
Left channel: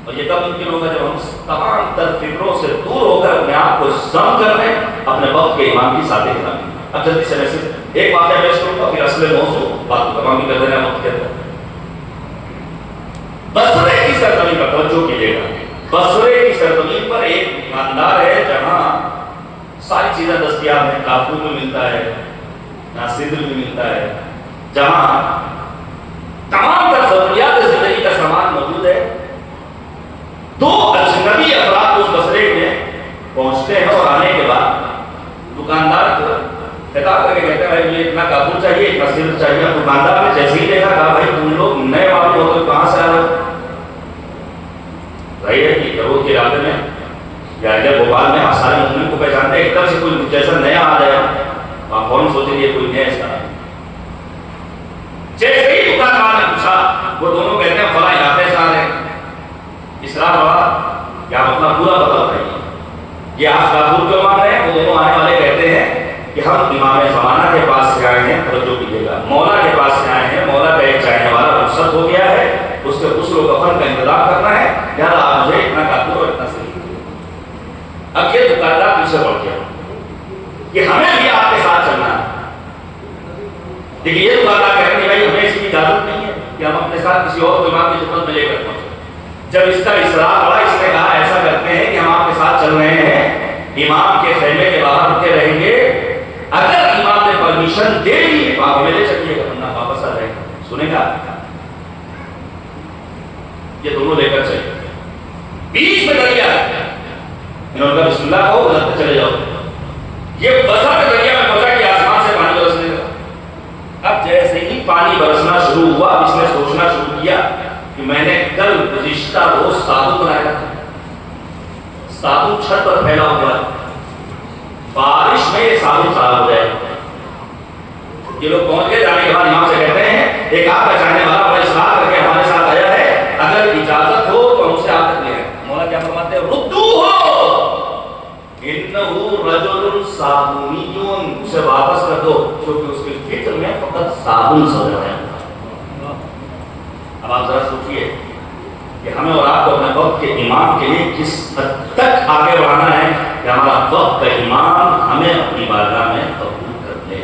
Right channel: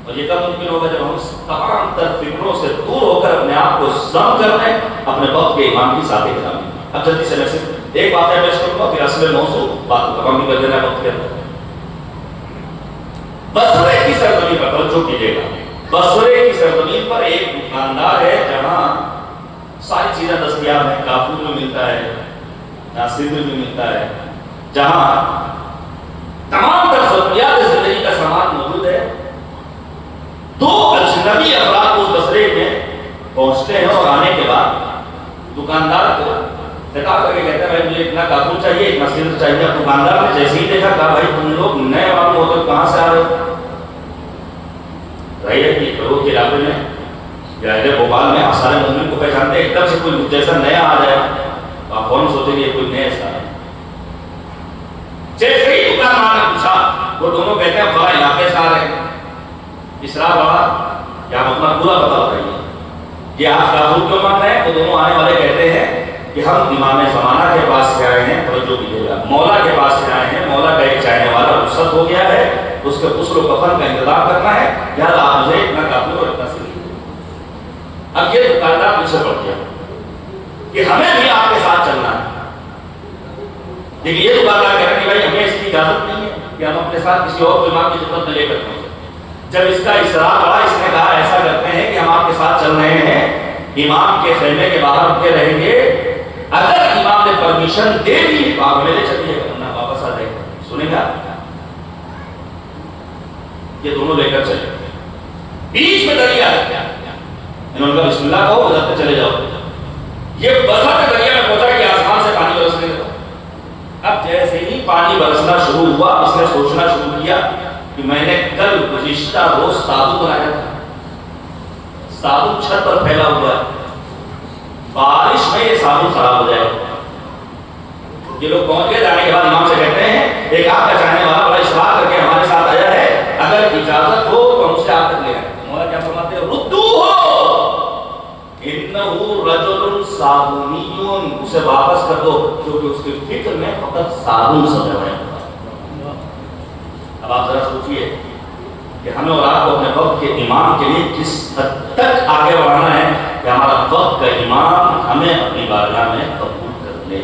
اور یہ کب ممکن ہوگا جب ہم تمام تر فکروں سے دور ہو کر اپنے آپ کو ضم کر رہے ہیں اپنے وقت کے امام کی ساتھ کلامی. اب جلدی سے میں صرف ایک بات ہے پیش کروں گا, پھر اصل موضوع بات کو تمام کر دینا وقت کے اندر. بصرے کی سرزمین پر توجہ کیجیے گا. بصرے کی سرزمین پر ایک خاندان ہے جہاں ساری چیزیں دستیاب ہیں. کافور بھی ملتا ہے, ناصر بھی ملتا ہے, جہاں تمام تر ضروریات زندگی کا سامان موجود ہے. دو اجنبی افراد اس بصرے میں پہنچتے ہیں اور آنے کے بعد دکاندار کو خطاب کر کے کہتے ہیں مجھے اتنا کافور چاہیے, اتنا سر چاہیے. اب دکاندار نے جیسے ہی دیکھا کہا بھائی تم لوگ نئے والے ہو تو کہاں سے آ رہے ہو؟ ظاہر ہے کہ کرود کے علاقے میں یا ادھر بھوپال میں آپ سارے مومن کو پہچانتے ہیں. ایک دم سے کوئی جیسا نیا آ جائے گا آپ فوراً سوچیں گے کوئی نیا سا. جیسے ہی دکاندار نے پوچھا وہ دونوں کہتے ہیں فلاں علاقے سے آ رہے ہیں. اسرار بڑا یا اپنا پورا پتا بتائیے کہ آپ کافور کیوں مان رہے ہیں؟ وہ دونوں آنے والے کہتے ہیں کہ ہم امام زمانہ کے پاس سے آئے ہیں. توجہ کیجیے گا, مولا کے پاس سے آئے ہیں. مولا کا ایک چاہنے والا رخصت ہو گیا ہے, اس کے غسل و کفن کا انتظام کرنا ہے. یار آپ مجھے اتنا کافور اور اتنا صحیح. اب یہ دکاندار پیچھے پڑ گیا کہ ہمیں بھی آپ کے ساتھ چلنا ہے. لیکن یہ دکاندار کہتے ہیں بھائی ہمیں اس کی اجازت نہیں ہے کہ ہم اپنے ساتھ کسی اور کو امام کی خدمت میں لے کر پہنچے. جب اس کا اصرار بڑا, اس نے کہا ایسا کرتے ہیں کہ ہم آپ کے ساتھ چل رہے ہیں, امام کے خیمے کے باہر رکے رہیں گے. اگر امام نے پرمیشن دے دی تو آپ میرے چلیے گا, ورنہ واپس آ جائے گا. سنیں گا یہ دونوں لے کر چلے. بیچ میں دریا انہوں نے کہا بسم اللہ کہو, ادھر چلے جاؤ. یہ بسا کے دریا میں پہنچا کہ آسمان سے پانی برسنے لگا. اب جیسے ہی پانی برسنا شروع ہوا, اس نے سوچنا شروع کیا کہ میں نے کل گزشتہ روز سادو بنایا تھا. سادو چھت پر پھیلا ہوا ہے, بارش میں یہ سادو خراب ہو جائے. یہ لوگ پہنچ گئے. جانے کے بعد امام سے کہتے ہیں ایک آپ کا چاہنے والا بڑا اصرار کر کے ہمارے ساتھ آیا ہے, اگر اجازت ہو تو ہم سے آپ تک لے گئے. مولا کیا فرماتے ہیں؟ ردوہ انہو رجل صابونیون, اسے واپس کر دو کیونکہ اس کی فکر میں فقط صابن سجا ہے. اب آپ ذرا سوچئے کہ ہمیں اور آپ کو اپنے وقت کے امام کے لیے کس حد تک آگے بڑھانا ہے کہ ہمارا وقت کا امام ہمیں اپنی بارگاہ میں قبول کر لے.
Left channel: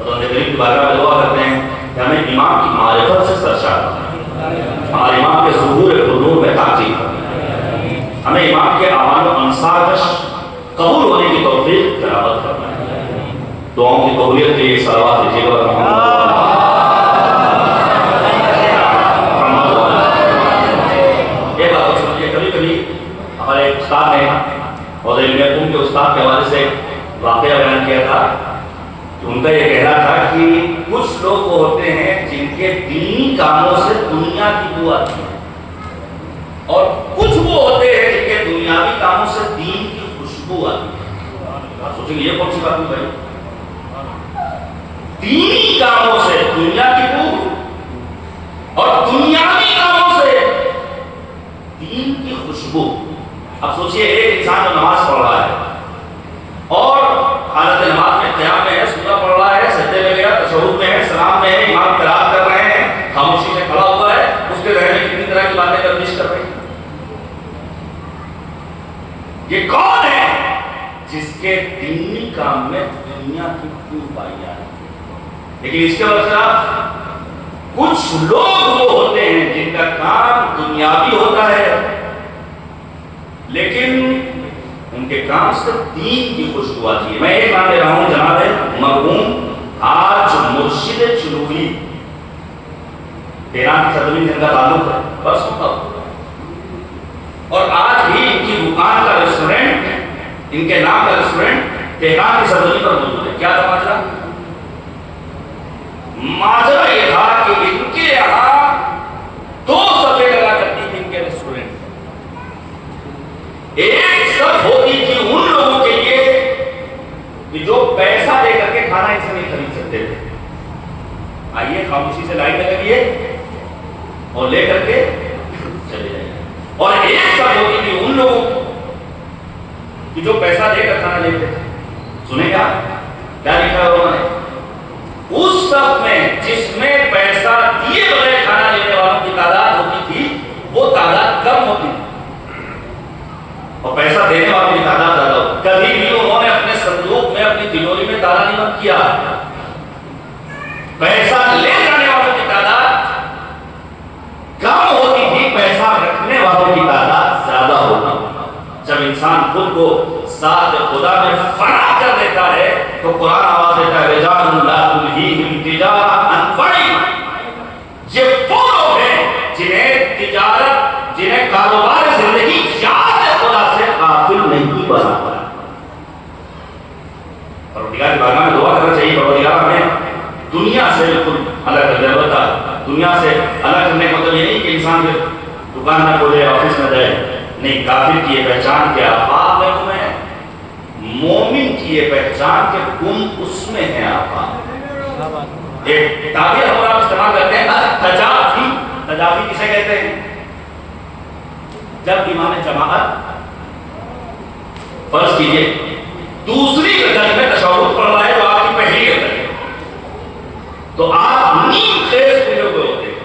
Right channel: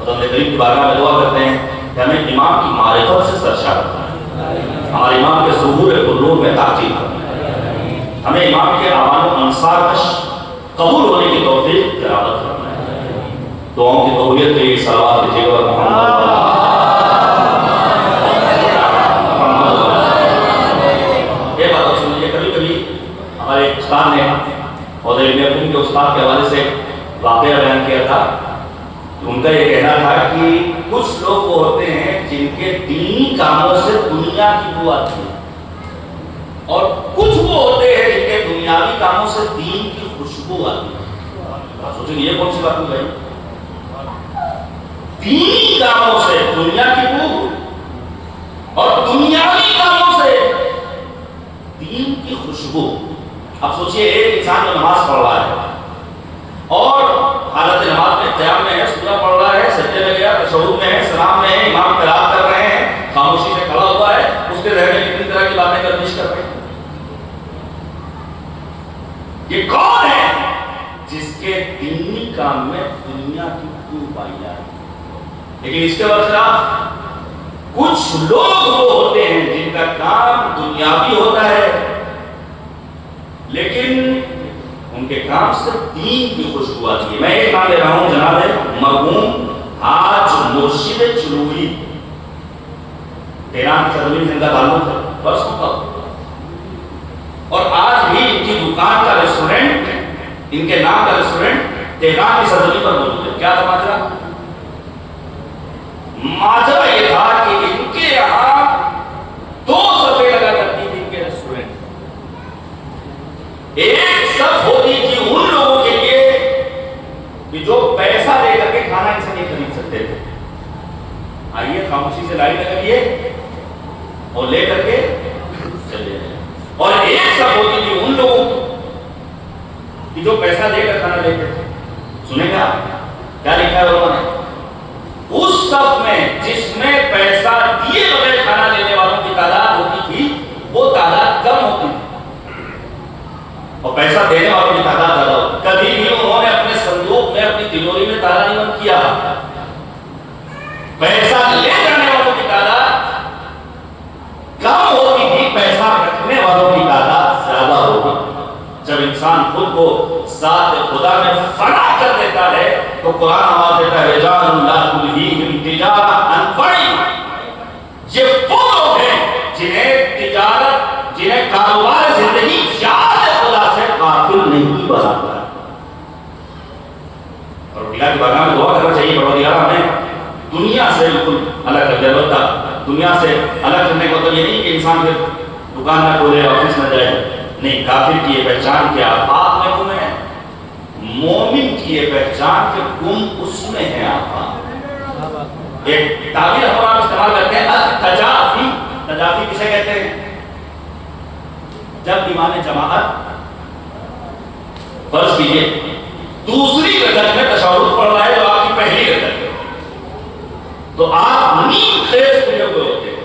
رب کریم کی بارگاہ میں دعا کرتے ہیں کہ ہمیں امام کی معرفت سے سرشار کریں, ہمارے امام کے ظہور قلوب میں تاکید کریں, ہمیں امام کے اعمال و انصار کا قبول ہونے کی توفیق تلاوت فرمائے. دعاؤں کی قبولیت کے لیے صلوات دیجیے گا. یہ بات سمجھیے، کبھی کبھی ہمارے استاد نے اور علم حکم کے استاد کے حوالے سے واقعہ بیان کیا تھا. ان کا یہ کہنا تھا کہ کچھ لوگ وہ ہوتے ہیں جن کے دینی کاموں سے دنیا کی بو آتی ہے، اور کچھ وہ ہوتے ہیں جن کے دنیاوی کاموں سے دین کی خوشبو آتی ہے. سوچیں یہ کون سی بات ہو گئی؟ دینی کاموں سے دنیا کی بو اور دنیاوی کاموں سے دین کی خوشبو. اب سوچئے ایک انسان جو نماز پڑھ رہا ہے اور حالت نماز میں قیام میں ہے، سجدہ پڑھ رہا ہے، سجدے میں گیا، تشہد میں ہے، سلام میں ہے، امام قرات کر رہے ہیں، خاموشی سے کھڑا ہوا ہے، اس کے ذہن میں کتنی طرح کی باتیں گردش کر رہے ہیں. یہ کون ہے جس کے دینی کام میں دنیا کی کیوں پائی جا رہی ہے؟ لیکن اس کے برخلاف کچھ لوگ وہ ہوتے ہیں جن کا کام دنیاوی ہوتا ہے لیکن ان کے کام سے دین کی خوشبو آتی ہے. میں ایک نام لے رہا ہوں، جناب مرحوم حاج مرشد چلوری. تیران کی سرزمین سے ان کا تعلق ہے، برسوں کا، اور آج بھی ان کی دکان کا ریسٹورنٹ، ان کے نام کا ریسٹورنٹ تہران کی سرزمین پر موجود ہے. کیا تھا ماجرا؟ ماجرا یہ تھا کہ ان کے یہاں 2 صفیں لگا کرتی تھی ان کے ریسٹورنٹ. ایک صف ہوتی تھی ان لوگوں کے لیے کہ جو پیسہ دے کر کے کھانا ان سے نہیں خرید سکتے تھے. آئیے خاموشی سے لائن لگائیے اور لے کر کے چلے جائیں. اور ایک صف ہوتی تھی ان لوگوں کی جو پیسہ دے کر کھانا لیتے تھے. سنیں گا کیا لکھا ہے انہوں نے؟ اس صف میں جس میں پیسہ دیے بغیر کھانا لینے والوں کی تعداد ہوتی تھی وہ تعداد کم ہوتی تھی اور پیسہ دینے والوں کی تعداد زیادہ ہوتی. کبھی بھی انہوں نے اپنے صندوق میں، اپنی تجوری میں تالا نہیں بند کیا. پیسہ لے جانے والوں کی تعداد کم ہوتی تھی، پیسہ رکھنے والوں کی تعداد زیادہ ہوتی. جب انسان خود کو ذات خدا میں فنا کر دیتا ہے تو قرآن آواز دیتا ہے رجال لا تلہیہم تجارۃ عن بیع. یہ وہ لوگ ہیں جنہیں تجارت، جنہیں کاروبار زندگی یاد خدا سے غافل نہیں بنا. پروردگار کی بارگاہ میں دعا کرنا چاہیے، پروردگار ہمیں دنیا سے بالکل الگ کر دے. البتہ دنیا سے الگ کرنے کا مطلب یہ نہیں کہ انسان پھر دکان نہ کھولے، آفس نہ جائے. نہیں، کافر کی یہ پہچان کیا آفات میں گم ہے، مومن کی یہ پہچان کہ گم اس میں ہے آفات. ایک تعبیر ہم آپ استعمال کرتے ہیں التجافی. تجافی کسے کہتے ہیں؟ جب امام جماعت فرض کیجئے دوسری رکعت میں تشہد پڑھ رہا ہے جو آپ کی پہلی رکعت ہے، تو آپ نیم خیز کھلے ہوئے ہوتے ہیں.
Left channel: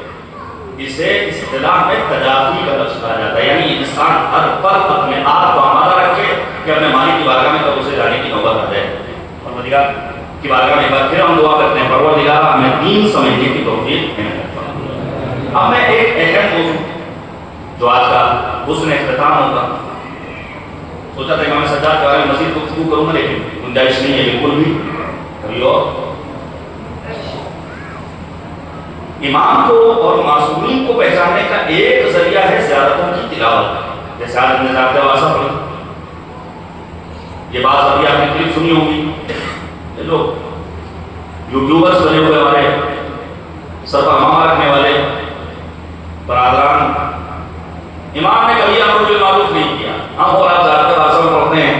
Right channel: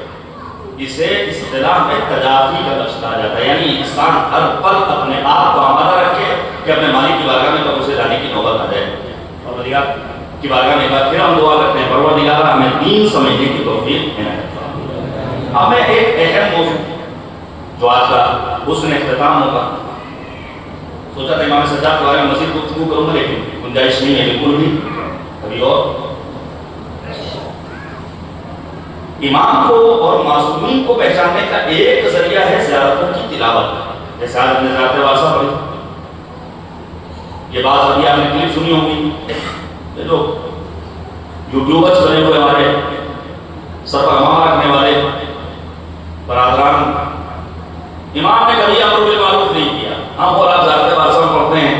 اسے اصطلاح میں تجافی کا لفظ کہا جاتا ہے. یعنی انسان ہر پل اپنے آپ کو آمادہ رکھے کہ اپنے مالک کی بارگاہ میں کب اسے جانے کی نوبت آ جائے. پروردگار کی بارگاہ میں ایک بار پھر ہم دعا کرتے ہیں، پروردگار ہمیں دین سمجھنے کی توفیق عنایت فرما. اب میں ایک اہم موضوع جو آج کا حسن اختتام ہوگا، سوچا تھا امام سجاد کے بارے میں مزید گفتگو کروں گا لیکن گنجائش نہیں ہے بالکل بھی. ابھی اور امام کو اور معصومین کو پہچاننے کا ایک ذریعہ ہے زیارتوں کی تلاوت. جیسے آج ہم نے زیارت واسطہ پڑھی، یہ بات ابھی آپ نے کلپ سنی ہوگی. یہ جو یوٹیوبرز بنے ہوئے ہمارے سر پر ماما رکھنے والے برادران، امام نے کبھی امر بالمعروف نہیں کیا. ہم اور آپ زیارت واسطہ پڑھتے ہیں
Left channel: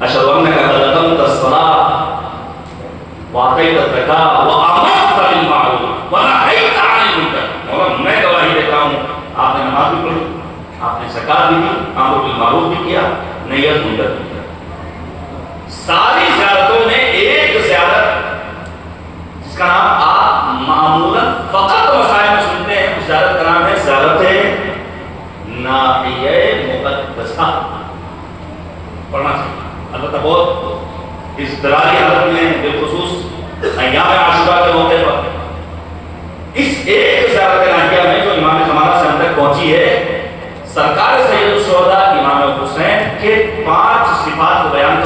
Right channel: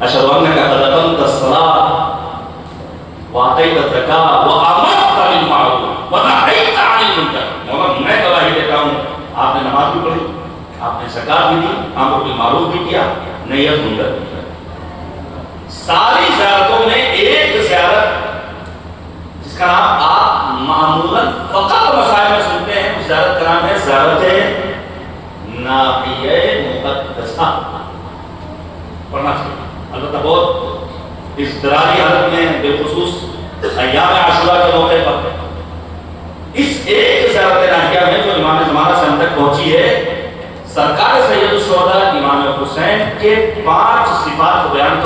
اشہد انک اقمت الصلاۃ وآتیت الزکاۃ وآمرت بالمعروف ونہیت عن المنکر. مولانا میں گواہی دیتا ہوں آپ نے نماز بھی پڑھی، آپ نے زکات بھی دی، امر بالمعروف بھی کیا، نہی عن المنکر بھی کیا. ساری زیارتوں میں ایک زیارت جس کا نام آپ معمولاً فقط مسائل میں سنتے ہیں، اس زیارت کا نام ہے زیارت ناحیہ مقدسہ. پڑھنا چاہیے. البتہ بہت اضطراری حالت میں بالخصوص ایام عاشورہ کے موقع پر اس ایک زیارت ناحیہ میں جو امام زمانہ سے ہم تک پہنچی ہے، سرکار سید الشہداء امام حسین کے 5 صفات کو بیان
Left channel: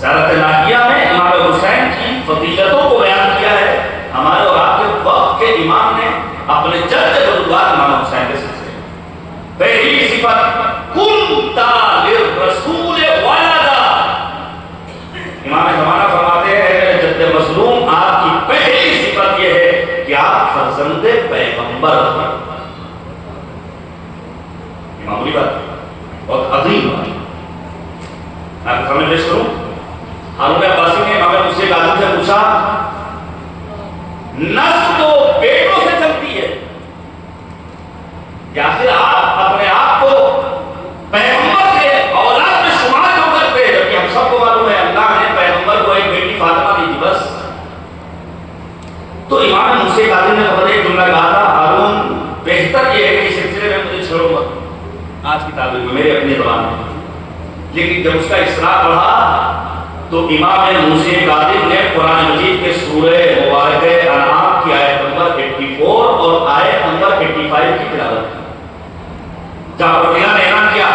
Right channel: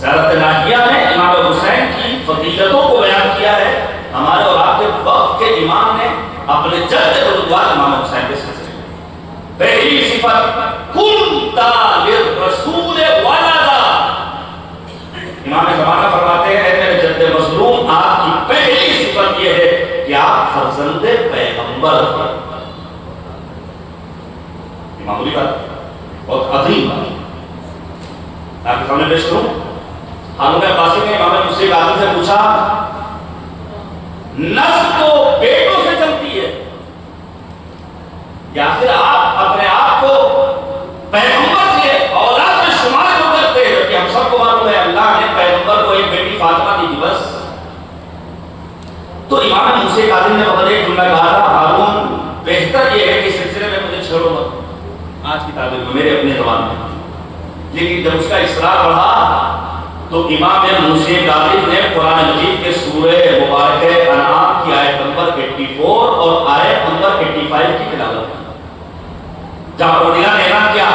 سیرت ناحیہ میں امام حسین کی فضیلتوں کو بیان کیا ہے. ہمارے اور آپ کے وقت کے امام نے اپنے جد بزرگوار امام حسین کے سلسلے میں پہلی صفت کنتا للرسول ولدا. امام زمانہ فرماتے ہیں میرے جد مظلوم آپ کی پہلی صفت یہ ہے کہ آپ فرزند پیغمبر تھے. معمولی بات بہت عظیم بات. آپ کے سامنے پیش کروں ہارون عباسی نے امام مجھ سے ایک آدمی سے پوچھا نسل تو بیٹوں سے چلتی ہے یا پھر آپ اپنے آپ کو پیغمبر کے اولاد میں شمار کیوں کرتے ہیں جبکہ ہم سب کو معلوم ہے اللہ نے پیغمبر کو ایک بیٹی فاطمہ دی تھی بس. تو امام مجھ سے ایک آدمی نے خبر ایک جملہ کہا تھا ہارون بہتر یہ ہے کہ اس سلسلے میں مجھے چھوڑو مت آج کی تعبیر میں میرے اپنے زبان میں. لیکن جب اس کا اصرار بڑھا تو امام موسی کاتب نے قرآن مجید کے سورہ مبارکہ انعام کی آیت نمبر 84 اور آیت نمبر 85 کی تلاوت کی. جہاں پر اللہ نے اعلان کیا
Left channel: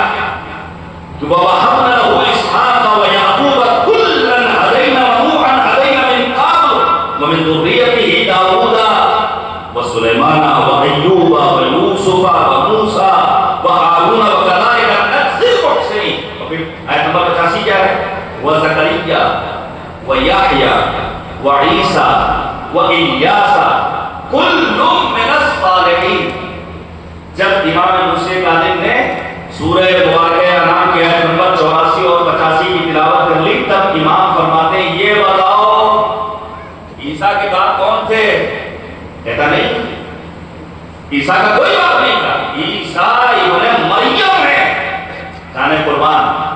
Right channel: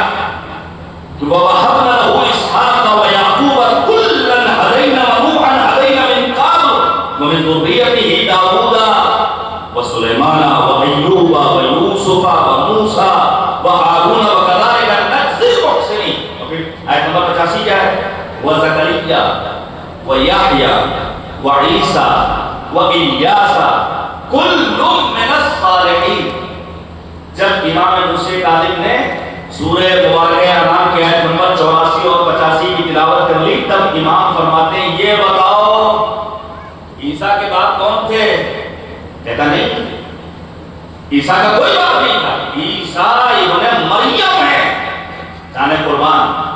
کہ وَوَهَبْنَا لَهُ إِسْحَاقَ وَيَعْقُوبَ كُلًّا هَدَيْنَا وَنُوحًا هَدَيْنَا مِن قَبْلُ وَمِن ذُرِّيَّتِهِ دَاوُودَ وَسُلَيْمَانَ وَأَيُّوبَ وَيُوسُفَ وَمُوسَى وَهَارُونَ وَكَذَلِكَ نَجْزِي الْمُحْسِنِينَ. آیت نمبر 85 کیا ہے؟ وَزَكَرِيَّا وَيَحْيَا وَعِيسَى وَإِلْيَاسَ كُلٌّ مِّنَ الصَّالِحِينَ. جب امام موسی کاظم نے سورہ مبارکہ انعام کی آیت نمبر 84 اور 85 کی تلاوت کر لی تب امام فرماتے ہیں یہ بتاؤ عیسیٰ کے باپ کون تھے؟ کہتا نہیں عیسیٰ کا کوئی باپ نہیں تھا. عیسیٰ ابن مریم ہے. جانے قربان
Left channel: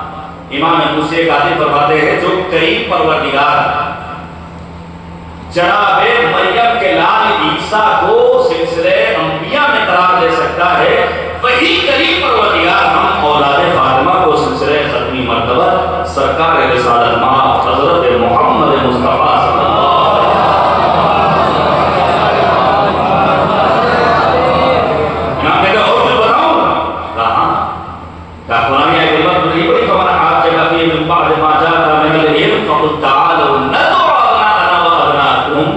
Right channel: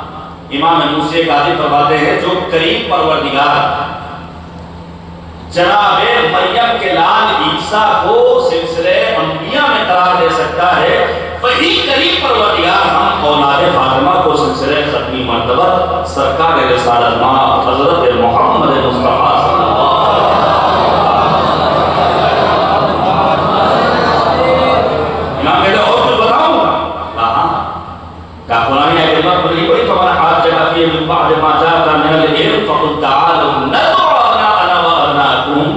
امام موسی کاظم فرماتے ہیں جو کریم پروردگار جناب مریم کے لال عیسیٰ کو سلسلے انبیاء میں قرار دے سکتا ہے وہی کریم پروردگار ہم اولاد فاطمہ کو سلسلے ختمی مرتبہ سرکار رسالت مآب حضرت محمد مصطفیٰ صلی اللہ علیہ وسلم. میں کہتا اور کچھ بتاؤں کہاں کہا قرآن یہ کلمہ پوری بڑی فمن حاجک فیہ من بعد ما جاءک من العلم فقل تعالوا ندعو ابناءنا وابناءکم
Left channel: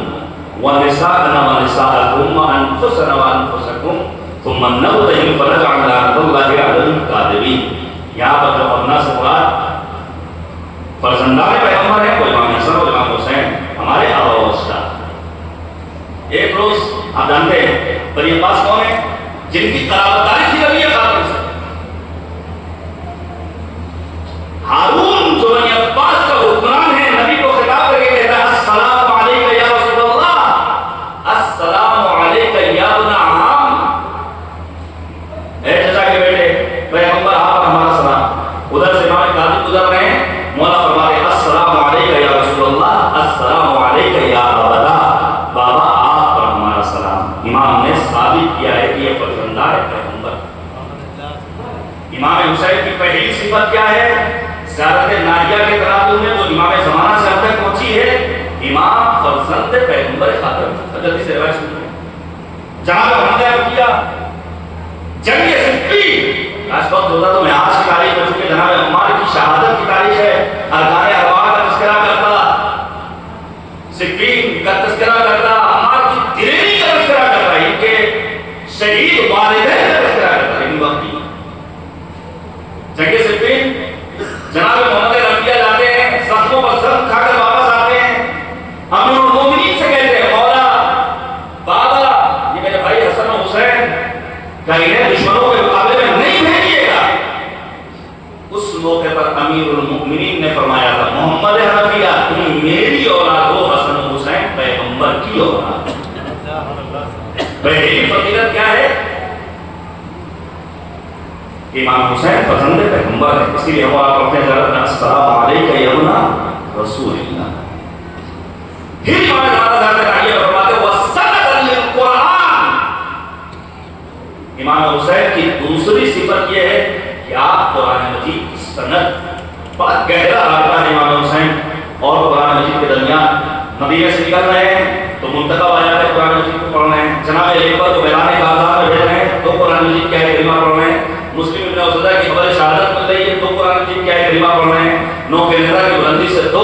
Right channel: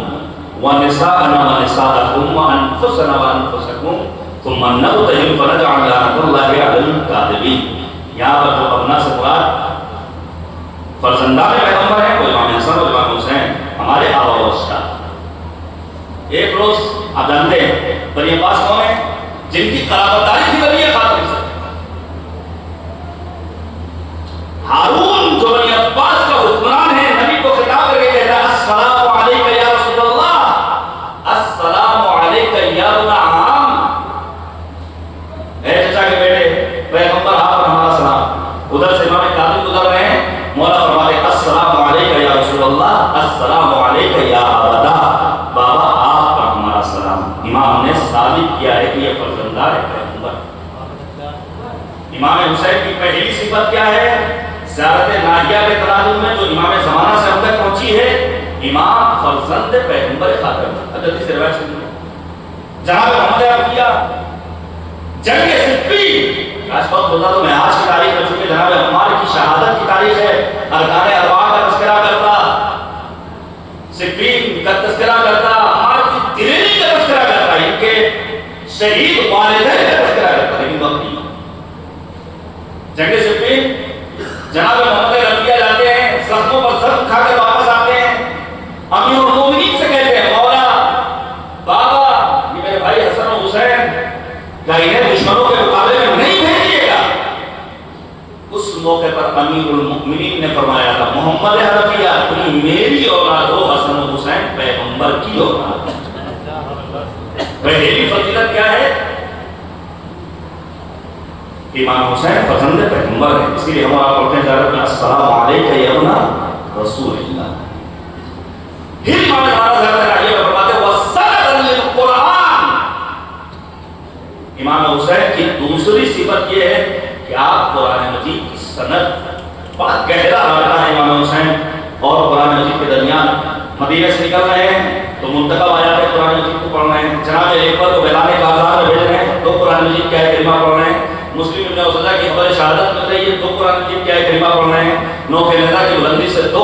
ونساءنا ونساءکم وانفسنا وانفسکم ثم نبتہم فنجعل لعنۃ اللہ علی الکاذبین. یہاں پر جب ابنا سے مراد فرزندان پیغمبر ہیں کوئی امام حسن کوئی امام حسین ہمارے آبا و اجداد. ایک روز آپ جانتے ہیں بنی عباس کون ہے جن کی قرابت داری تھی نبی خاتم سے. ہارون جو بنی عباس کا حکمران ہے نبی کو خطاب کر کے کہتا ہے السلام علیکہ یا رسول اللہ السلام علیکہ یا ابن عام. اے چچا کے بیٹے پیغمبر آپ پر ہمارا سلام. ادھر سے امام کاظم گزر رہے ہیں مولا فرماتے ہیں السلام علیکہ یا رسول اللہ السلام علیکہ یا ابدا. بابا آپ پر ہمارا سلام. امام نے ثابت کیا ہے کہ یہ فرزندار ہے پیغمبر. امام حسین کی پہلی صفت کیا ہے؟ زیارت ناحیہ کے تناظر میں جو امام زمانہ سے ہم تک پہنچی ہے امام فرزند پیغمبر خاتم. جلدی سے روایت سنیے. جناب محمد عرفیہ جنگ صفین آج وقت ہوتا تو میں آج کی تاریخ میں چونکہ جناب عمار کی شہادت کی تاریخ ہے ارکان اربعہ کا تذکرہ کرتا صفین کا تذکرہ کرتا عمار کی دلیری کا تذکرہ کرتا ان کے شہید والدین کا تذکرہ کرتا. لیکن وقت کی جنگ صفین جناب محمد عرفیہ جاتے ہیں زخموں پر زخم کھا کر واپس آتے ہیں. امیر المومنین سے کہتے ہیں مولا بابا یہ میرے بھائی حسن و حسین کہ انہیں دشمنوں کے مقابلے میں نہیں بھیجیے گا. اس موقع پر امیر المومنین نے فرمایا تھا محمد عرفیہ تم میری اولاد ہو حسن و حسین پیغمبر کی اولاد. پہلی فضیلت کیا ہے؟ امام حسین فرزند پیغمبر ہے. اسی لیے ہم آپ پڑھتے ہیں السلام علیکہ یا ابن رسول اللہ. پھر امام زمانہ رائیہ فرماتے ہیں وَسَنَدًا لِلْقُرْآنِ. امام حسین کی دوسری صفت یہ ہے کہ آپ قرآن مجید کی سند بڑا گہرا رابطہ ہے امام حسین اور قرآن مجید کے درمیان. مدینہ سے نکل رہے ہیں تو منتخب آیا ہے قرآن مجید کو پڑھ رہے ہیں. جناب ایک کو بیان کاغذات میں بھیج رہے ہیں تو قرآن مجید کیا ہے کلمہ پڑھ رہے ہیں. مسلم ابن عبداللہ کی خبر شہادت مل رہی ہے تو قرآن مجید کیا ہے کلمہ پڑھ رہے ہیں. نو کینیڈا کی بلندی سے تو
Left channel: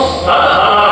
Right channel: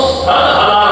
100,000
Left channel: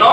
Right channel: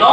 9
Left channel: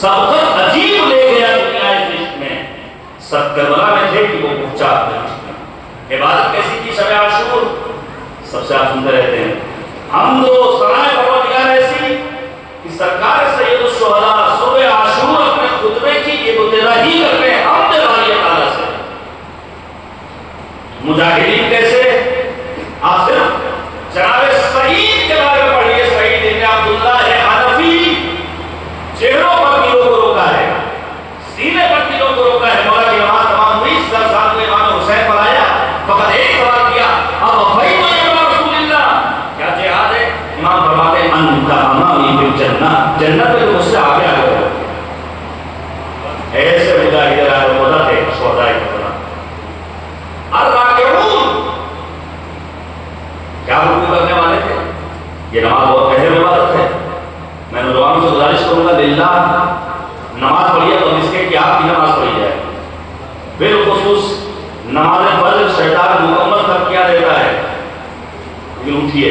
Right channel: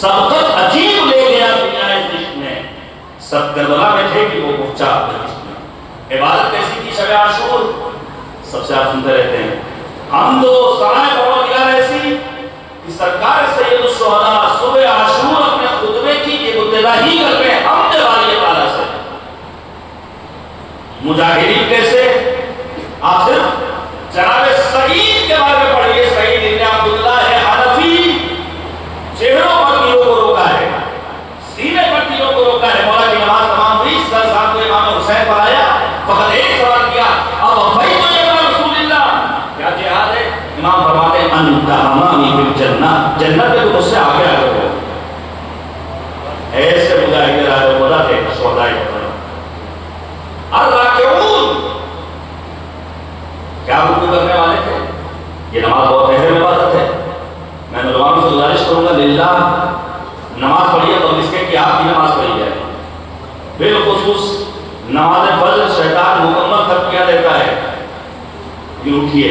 سبقت عجیب لے گیا دنیا اس رشت میں، سب کربلا میں تھے کہ وہ پہنچا رشت میں۔ عبادت کیسی تھی شب عاشور؟ سب سے آپ سنتے رہتے ہیں، حمد و ثنا پروردگار ایسی کہ سرکار سید الشہداء صبح عاشور اپنے خطبے کی ابتدائی کر رہے ہیں حمد والی تعالیٰ سے۔ مجاہدین کیسے؟ آپ صرف جناب سعید کے بارے میں پڑھیے، سعید ابن عبداللہ حنفی، چہروں پر تیروں کو روکا ہے، سینے پر تیروں کو روکا ہے، مولا کی نماز تمام ہوئی، سر ساتھ میں امام حسین پر آیا، فقط ایک سوال کیا، اب افائی تو یہ رسول اللہ، کیا جہاد ہے؟ امام فرماتے ہیں انت امامی فی الجنہ، جنت میں مجھ سے آگے آگے ہو۔ ایسے مجاہد رائے وضع تھے سودائی کرنا۔ الراکعون کیا رکوع کرنے والے تھے؟ یہ نماز بہت اہم عبادت ہے۔ میں نوجوانوں سے گزارش کروں گا للہ نماز پڑھیے تو اس کے کہ آپ کی نماز پڑھی جائے، بالخصوص نماز فجر شیطان مکمل کر کیا دیتا ہے، لیکن اٹھیے،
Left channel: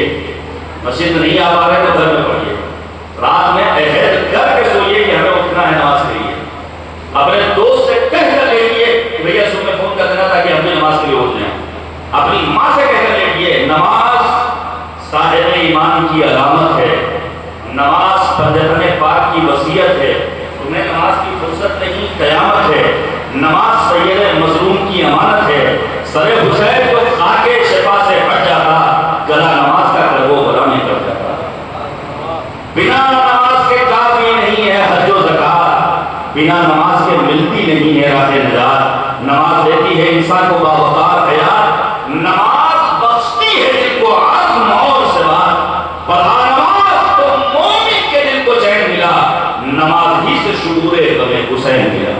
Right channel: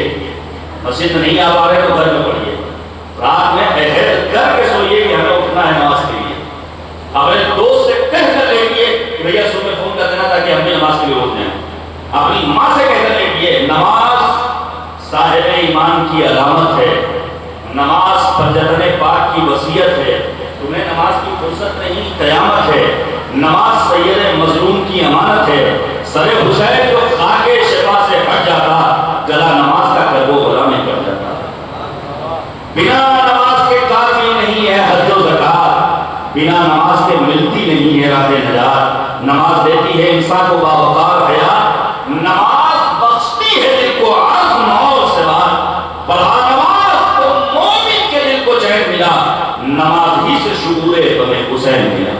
مسجد میں نہیں آ پا رہے تو گھر میں پڑھیے، رات میں عہد کر کے سوئیے کہ ہمیں اٹھنا ہے نماز کے لیے، اپنے دوست سے کہہ کر لیٹیے کہ بھیا صبح فون کر دینا تاکہ ہم بھی نماز کے لیے اٹھ جائیں، اپنی ماں سے کہہ کر لیٹیے، نماز صاحب ایمان کی علامت ہے، نماز پنجتن پاک کی وصیت ہے، تمہیں نماز کی فرصت نہیں قیامت ہے، نماز سید مظلوم کی امانت ہے، سر حسین کو خاک شفا سے ہٹ جاتا، گلا نماز کا کرب و بلا میں کٹ جاتا۔ بنا نماز کے کافی نہیں ہے حج و زکات، بنا نماز کے ملتی نہیں ہے راہ نجات، نماز دیتی ہے انسان کو باوقار حیات، نماز بخشتی ہے دل کو عزم اور ثبات، پڑھا نماز تو مومن کے دل کو چین ملا، نماز ہی سے شعور غم حسین ملا۔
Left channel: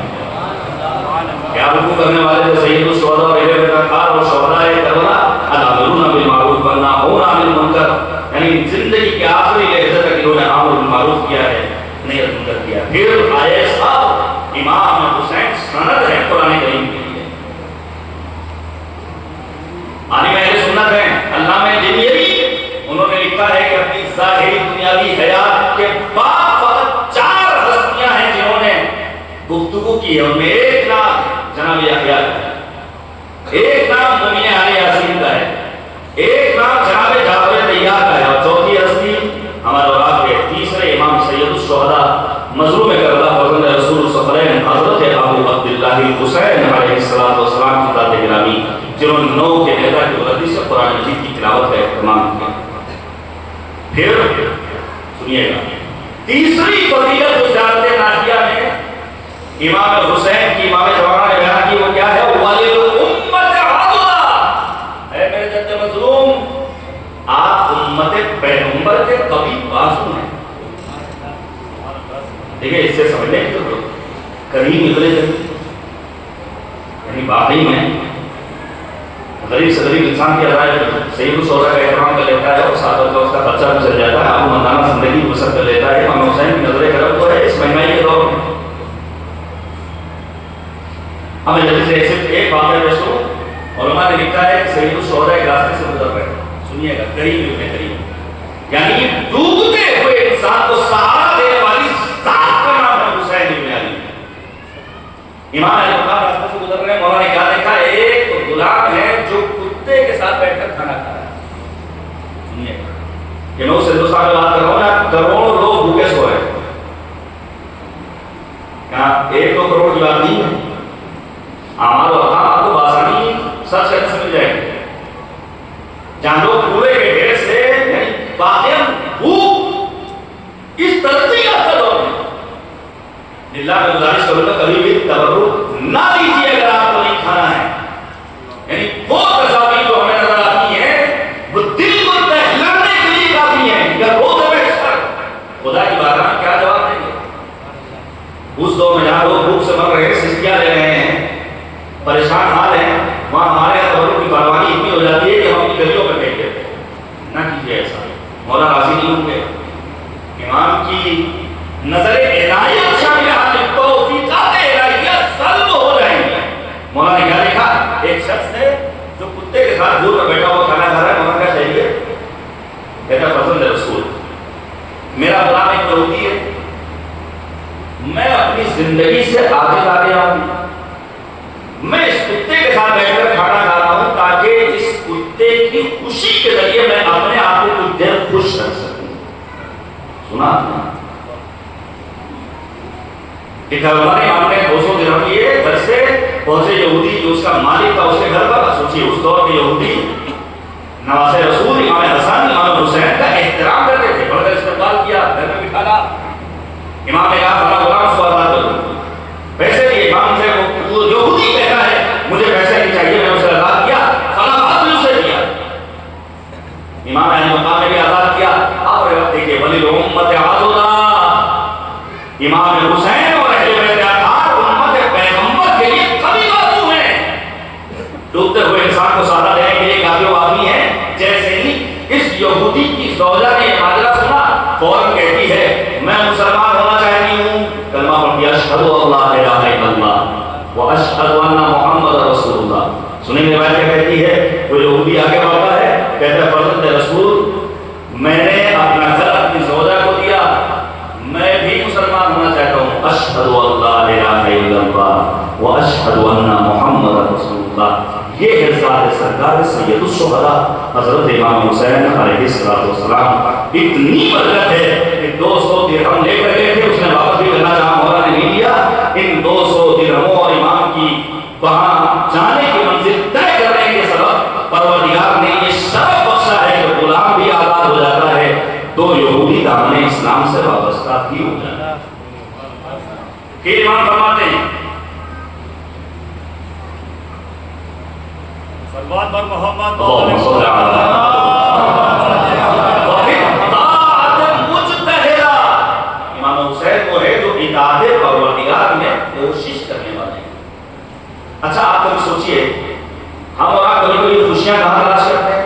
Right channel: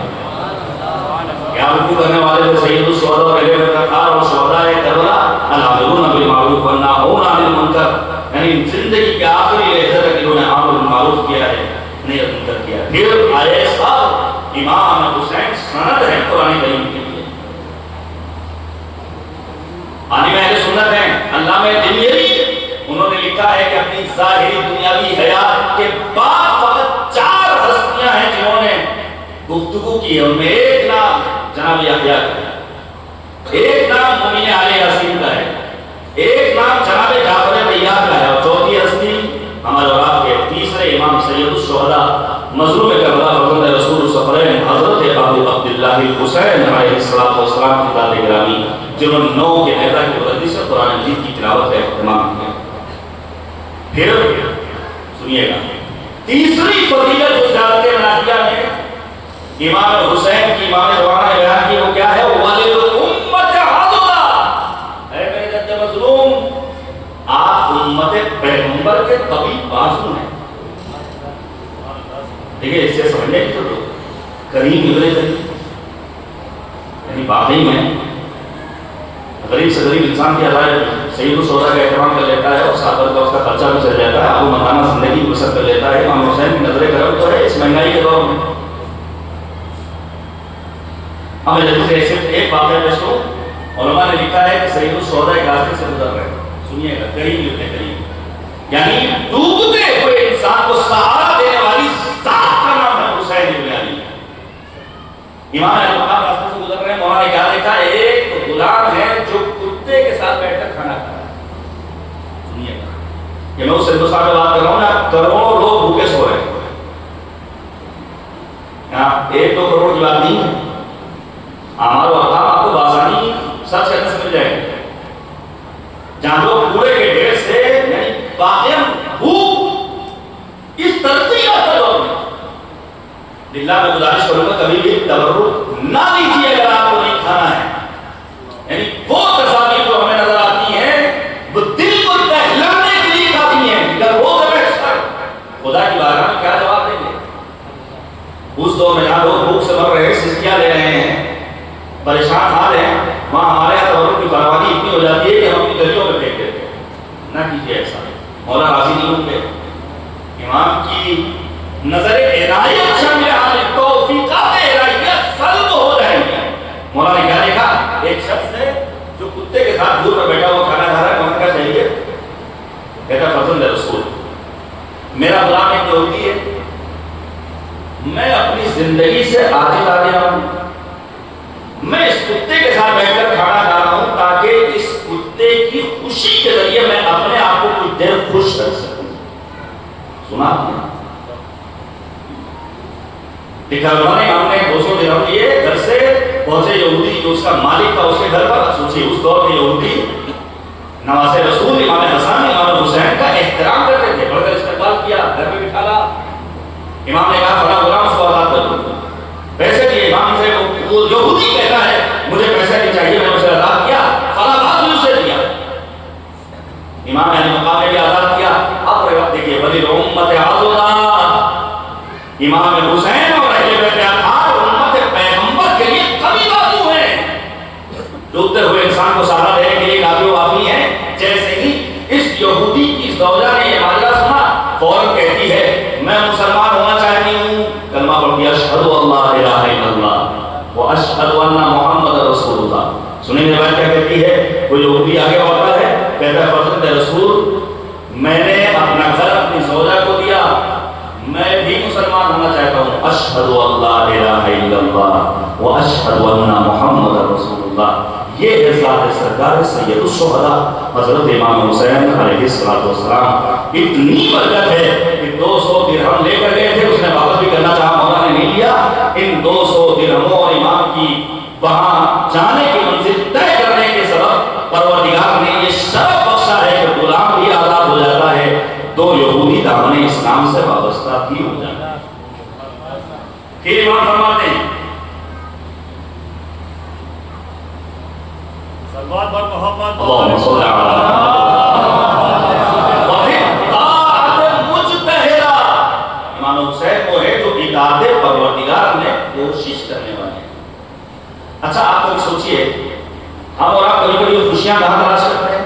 کیا رکوع کرنے والے تھے سید الشہداء اور اہل بیت اطہار اور شہداء کربلا، العاملون بالمعروف والناہون عن المنکر، یعنی زندگی کے آخری لحظے تک انہوں نے امر بالمعروف کیا ہے، نہیں منکر کیا۔ پھر آئے صاحب امام حسین سند ہے قرآن کریم کے لیے، آنے میں اہل سنت ہیں، علامہ دلیری انہوں نے لکھا ہے کہ اپنی ظاہری دنیاوی حیات کے بعد فقط 4 ہستیاں ہیں جنہوں نے گفتگو کی ہے، ان میں ایک نام جناب یحییٰ کا ہے، ایک نام مومن علی یاسین کا ہے، ایک نام جناب جعفر طیار کا ہے، اور چوتھی ہستی ہمارے اور آپ کے تیسرے امام سید الشہداء مظلوم کربلا فرزند رسول صفرین حضرت ابو عبداللہ حسین علیہ السلام کی ذات گرامی، جنہوں نے 9 کے پیدا کی مقدس سے قرآن مجید کی تلاوت کا اہتمام کیا۔ پھر سنیے گا تیسری فضیلت جو زیارت ناجیہ میں امام حسین کی امام جوانہ نے بیان کی، وہ کیا ہے؟ والد امت عدلا، اے میرے جد مظلوم آپ امت پیغمبر کے قریب بازو ہیں۔ دیکھیں اس سے سمجھنے کی تو قریب نکلے قریب، یعنی واقعی میں غریب سے غریب انسان کی ادائے سید الشہداء کا احترام کر لیتا ہے اور ساتھ اس کا خرچہ بھی چل جاتا ہے، آپ مردانہ زندگی بسر کر لیتا ہے۔ امام حسین کی نظر کرم تو ہے اس مہنگائی کے دور میں۔ ہمیں جلدی سے صرف ایک واقعہ پیش کروں، علماء نے لکھا ہے کہ سید الشہداء ایک راستے سے گزر رہے ہیں، سنیے گا قریب لکھنے قریب، یعنی ڈوبتے ہوئے انسان کو سہارا دینے والی ذات کا نام ہے حسین ابن علی۔ امام علی مقام راستے سے گزر رہے ہیں، مولا نے کیا دیکھا؟ ایک غلام ہے جو کتے کے ساتھ بیٹھ کر کھانا کھا رہا ہے۔ سنیے گا کہ میں اس ہندوستان میں بات کر رہا ہوں نا، کروڑوں لوگ بھوکے سو رہے ہیں، یہاں 1-2 کروڑ کی بات نہیں ہے، ہمارے وقام آپ کو بآسانی سب سے مل جائے گی، جہاں لوگ پورے کے ڈھیر سے یعنی واقعی بھوک اس ترقی یافتہ دور میں، للہ میں گزارش کروں گا کبھی بھی تبرک نہ لیجیے اگر آپ کو نہیں کھانا ہے، یعنی وہ تصاویر جو ہمیں نظر آتی ہیں وہ دل کو دہلانے کے لیے کافی ہیں، اگر وہ خدا کی بارگاہ میں کیا جواب دیں گے؟ اس دور میں جہاں لوگ بھوک سے مر رہے ہیں، سسکیاں لے رہے ہیں، پریشان حال ہیں، وہاں ہمارے یہاں تبرک کی فراوانی اتنی ہو جاتی ہے کہ ہم اپنی گلیوں میں پھینک دیتے ہیں۔ نہ کیجیے ایسا، مولا راضی نہیں ہوں گے، امام کی نظر عنایت شامل حال توفیقات الہیہ سلب ہو رہے ہیں۔ مولا نے کیا دیکھا؟ ایک شخص ہے جو کتے کے ساتھ دور پر بیٹھا ہوا کھانا کھا رہا ہے، مولا کا شہریت کہتا فرزند رسول میرا غلام ایک یہودی ہے، میں اپنی زندگی سے عاجز آ گیا ہوں، میں اس کتے کے ساتھ بیٹھ کر کھانا کھا رہا ہوں تاکہ اس کتے کی خوشی کے ذریعے میں اپنے آپ کو کچھ دیر خوش رکھ سکوں. سنا آپ نے؟ ایک ہمارے ہم نے 200 درہم دیے، گھر سے پہنچے یہودی جو اس کا مالک تھا اس کے گھر پر. سوچیے اس دور کے یہودی نواز رسول امام حسن امام حسین کا احترام کرتے تھے، بڑھ کر استقبال کیا، گھر میں بٹھا لا. امام نے کہا کھڑا غلام اس کو آزاد کر دوں، پیسے دیے. امام سے وہ یہودی کہتا ہے مجھے پیسے نہیں چاہیے، میں اسے آزاد کیا، فلاں بات بھی اسے دیا. امام علی مقام نے بھی آزاد کیا. اب دیکھیے ولی امت عظمہ امام حسین اور اہل بیت اطہار امت پیغمبر کے لیے کبھی بازو ہیں. ڈوبتے ہوئے انسان کو سہارا دینے کے لیے کافی وافی ہیں. جیسے ہی اس یہودی کی زوجہ نے یہ ماجرا سنا، فوراً کہتی ہے میں مسلمان ہونا چاہتی ہوں. کلمہ پڑھتی ہے اشہد ان لا الہ الا اللہ و اشہد ان محمد رسول اللہ. سنیں گے بات کیا کہتی ہے؟ وہ یہودی آگے بڑھتا ہے، کہتا ہے فرزند رسول میں نے اپنا گھر اپنی زوجہ کو دیا، میں بھی مسلمان ہونا چاہتا ہوں. اشہد ان لا الہ الا اللہ و اشہد ان محمد رسول اللہ. یہ ہے ذات سرکار سید الشہداء حضرت امام حسین علیہ السلام. اتنی برکت ہے کہ 200 درہم لے کر گئے تھے، اس نے واپس بھی کرنا چاہا، مولا نے نہیں دیا. ان 200 درہموں اور امام کی وہاں جانے کی منزل طے کرنے کے سبب پروردگار نے یہ شرف بخشا ہے کہ غلام بھی آزاد ہو جاتا ہے تو یہودی دامن اسلام سے وابستہ بھی ہو جاتا ہے. پھر امام فرماتے ہیں صلوات بر محمد اللہم صلی مجتہدہ. امام حسین وہ ہے جو اطاعت پروردگار میں کوشش کرنے والے ہیں. اچھا آپ لوگ سوچئے ہم اور آپ کبھی کبھی خوشیاں کہاں تلاش کرتے ہیں؟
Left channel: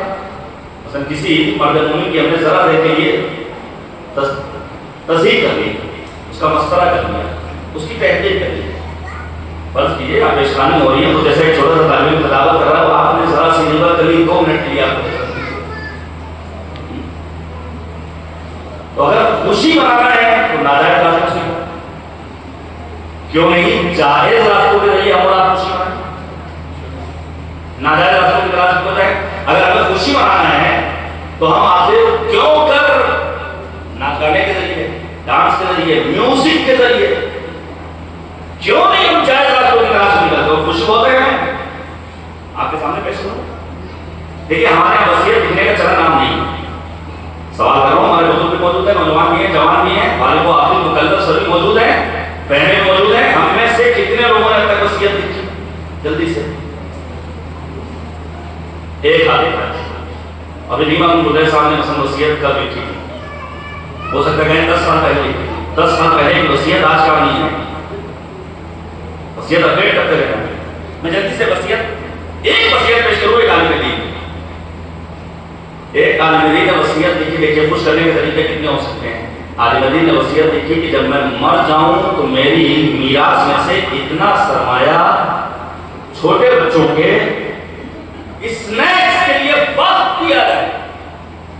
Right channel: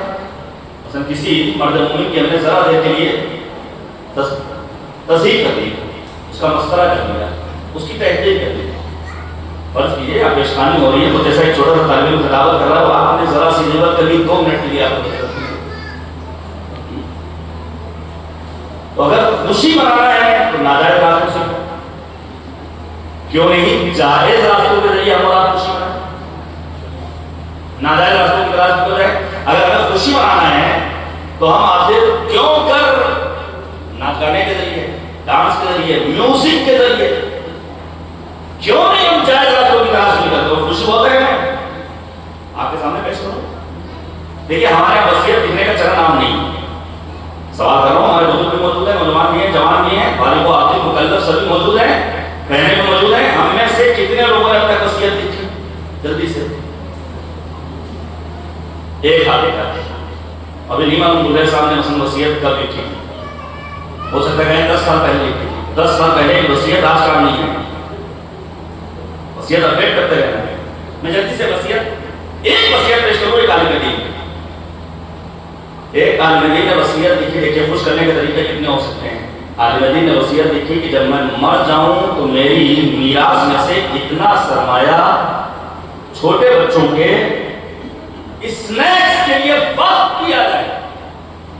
مثلا کسی مرد مومن کی ہم نے ذرا دیر کے لیے تصدیق کر لی، اس کا مسئلہ کر لیا، اس کی تحقیق کر لی. فرض کیجیے آپ پریشانی ہو رہی ہے، تو جیسا ایک چھوٹا سا طالب علم کتابت کر رہا ہے، آپ نے ذرا سی ضرورت کبھی 2 منٹ لیا تو اگر خوشی منانا ہے تو ناجائز راستوں سے کیوں نہیں جائز راستوں کے ذریعے ہم اور آپ خوشی منائیں. ناجائز راستوں کی تلاش کر رہے ہیں. اگر ہمیں خوشی منانا ہے تو ہم آپ سے کیوں کر نہ گانے کے ذریعے، ڈانس کے ذریعے، میوزک کے ذریعے کیوں نہیں ہم جائز راستوں کی تلاش نہیں کرتے اور خوش ہوتے ہیں؟ آپ کے سامنے پیش کروں. دیکھیے ہمارے یہاں وصیت لکھنے کا چلن عام نہیں. سوال کر رہا ہوں، ہمارے بزرگ بھی موجود ہیں، نوجوان بھی ہیں، جوان بھی ہیں، بالغ و عاقل مکلف سبھی موجود ہیں، بہنیں بھی موجود ہیں. ہم میں سے کتنے لوگوں نے اب تک وصیت لکھی؟ جلدی سے ایک ہاتھ دیکھا. ابھی نہیں معلوم بلے صاحب نے مثلا وصیت کب لکھی، ہو سکتا ہے 10 سال پہلے لکھی. 10 سال پہلے کی وصیت آج کا نہیں ہے. وصیت اپڈیٹ کرتے رہنا. میں جلدی سے ایک وصیت پیش کروں. ایک عالم دین نے وصیت لکھی. دیکھیے خوش کرنے کے طریقے کتنے ہو سکتے ہیں. عالم دین نے وصیت لکھی کہ جب میں مر جاؤں تو میری میراث میں سے اتنا سرمایہ چھوٹے بچوں کے اسنیکس کے لیے وقف کیا جائے.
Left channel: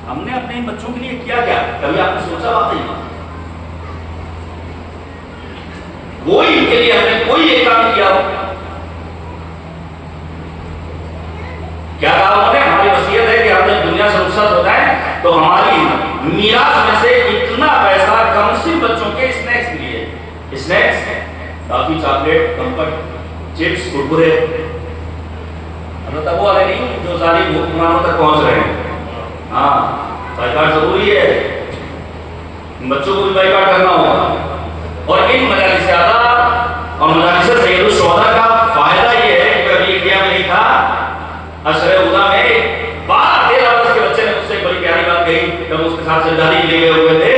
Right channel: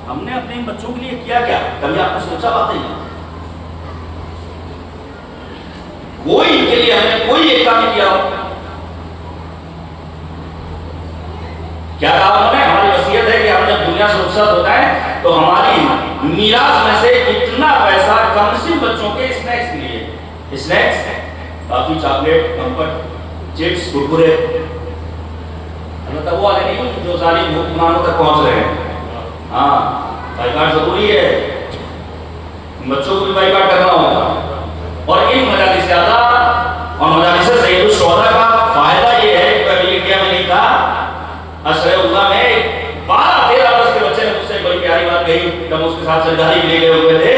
ہم نے اپنے بچوں کے لیے کیا کیا؟ کبھی آپ نے سوچا بات نہیں؟ کوئی ان کے لیے ہم نے کوئی ایک کام کیا ہو؟ کیا کہا ہم نے؟ ہماری وصیت ہے کہ ہم جب دنیا سے رخصت ہوتا ہے تو ہماری میراث میں سے اتنا پیسہ کم سے بچوں کے اسنیکس کے لیے. اسنیکس کافی، چاکلیٹ، کمفرٹ، چپس، کرکرے، البتہ وہ والے نہیں جو ظالم حکمرانوں تک پہنچ رہے ہیں. ہاں بائیکاٹ ضروری ہے، بچوں کو بھی بائیکاٹ کرنا ہوگا. اور ان مجالس زیادہ اور مجالس سید الشہداء کا فائدہ یہ ہے کہ ابھی انڈیا میں نہیں تھا، اشرے اوضاع میں 12-13 برس کے بچے نے مجھ سے بڑی پیاری بات کہی جب اس کے ساتھ سرداری کے لیے گئے ہوئے تھے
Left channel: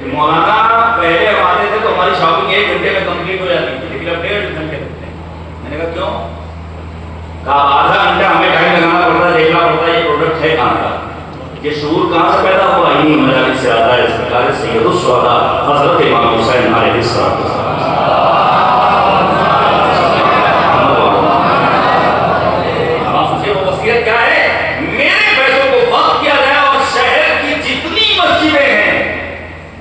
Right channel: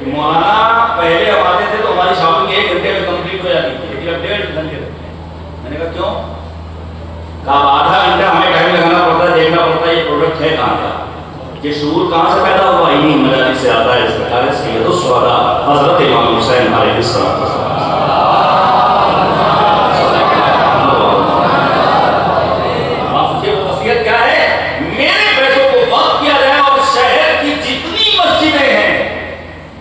کہ مولانا پہلے ہم آتے تھے تو ہماری شاپنگ 1 گھنٹے میں کمپلیٹ ہو جاتی تھی، لیکن اب 1.5 گھنٹے لگتے ہیں. میں نے کہا کیوں؟ کہا آدھا گھنٹہ ہمیں ٹائم لگانا پڑتا ہے، دیکھنا پڑتا ہے یہ پروڈکٹ ہے کہاں کا. یہ شعور کہاں سے پیدا ہوا؟ انہی مجالس سے آتا ہے. سرکار سید الشہداء حضرت امام حسین علیہ السلام. آپ سوچئے وہ وصیت کیا ہے؟ میرے پیسوں کو وقف کیا جائے اور شہر کی جتنی مسجدیں ہیں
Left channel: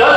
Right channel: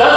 10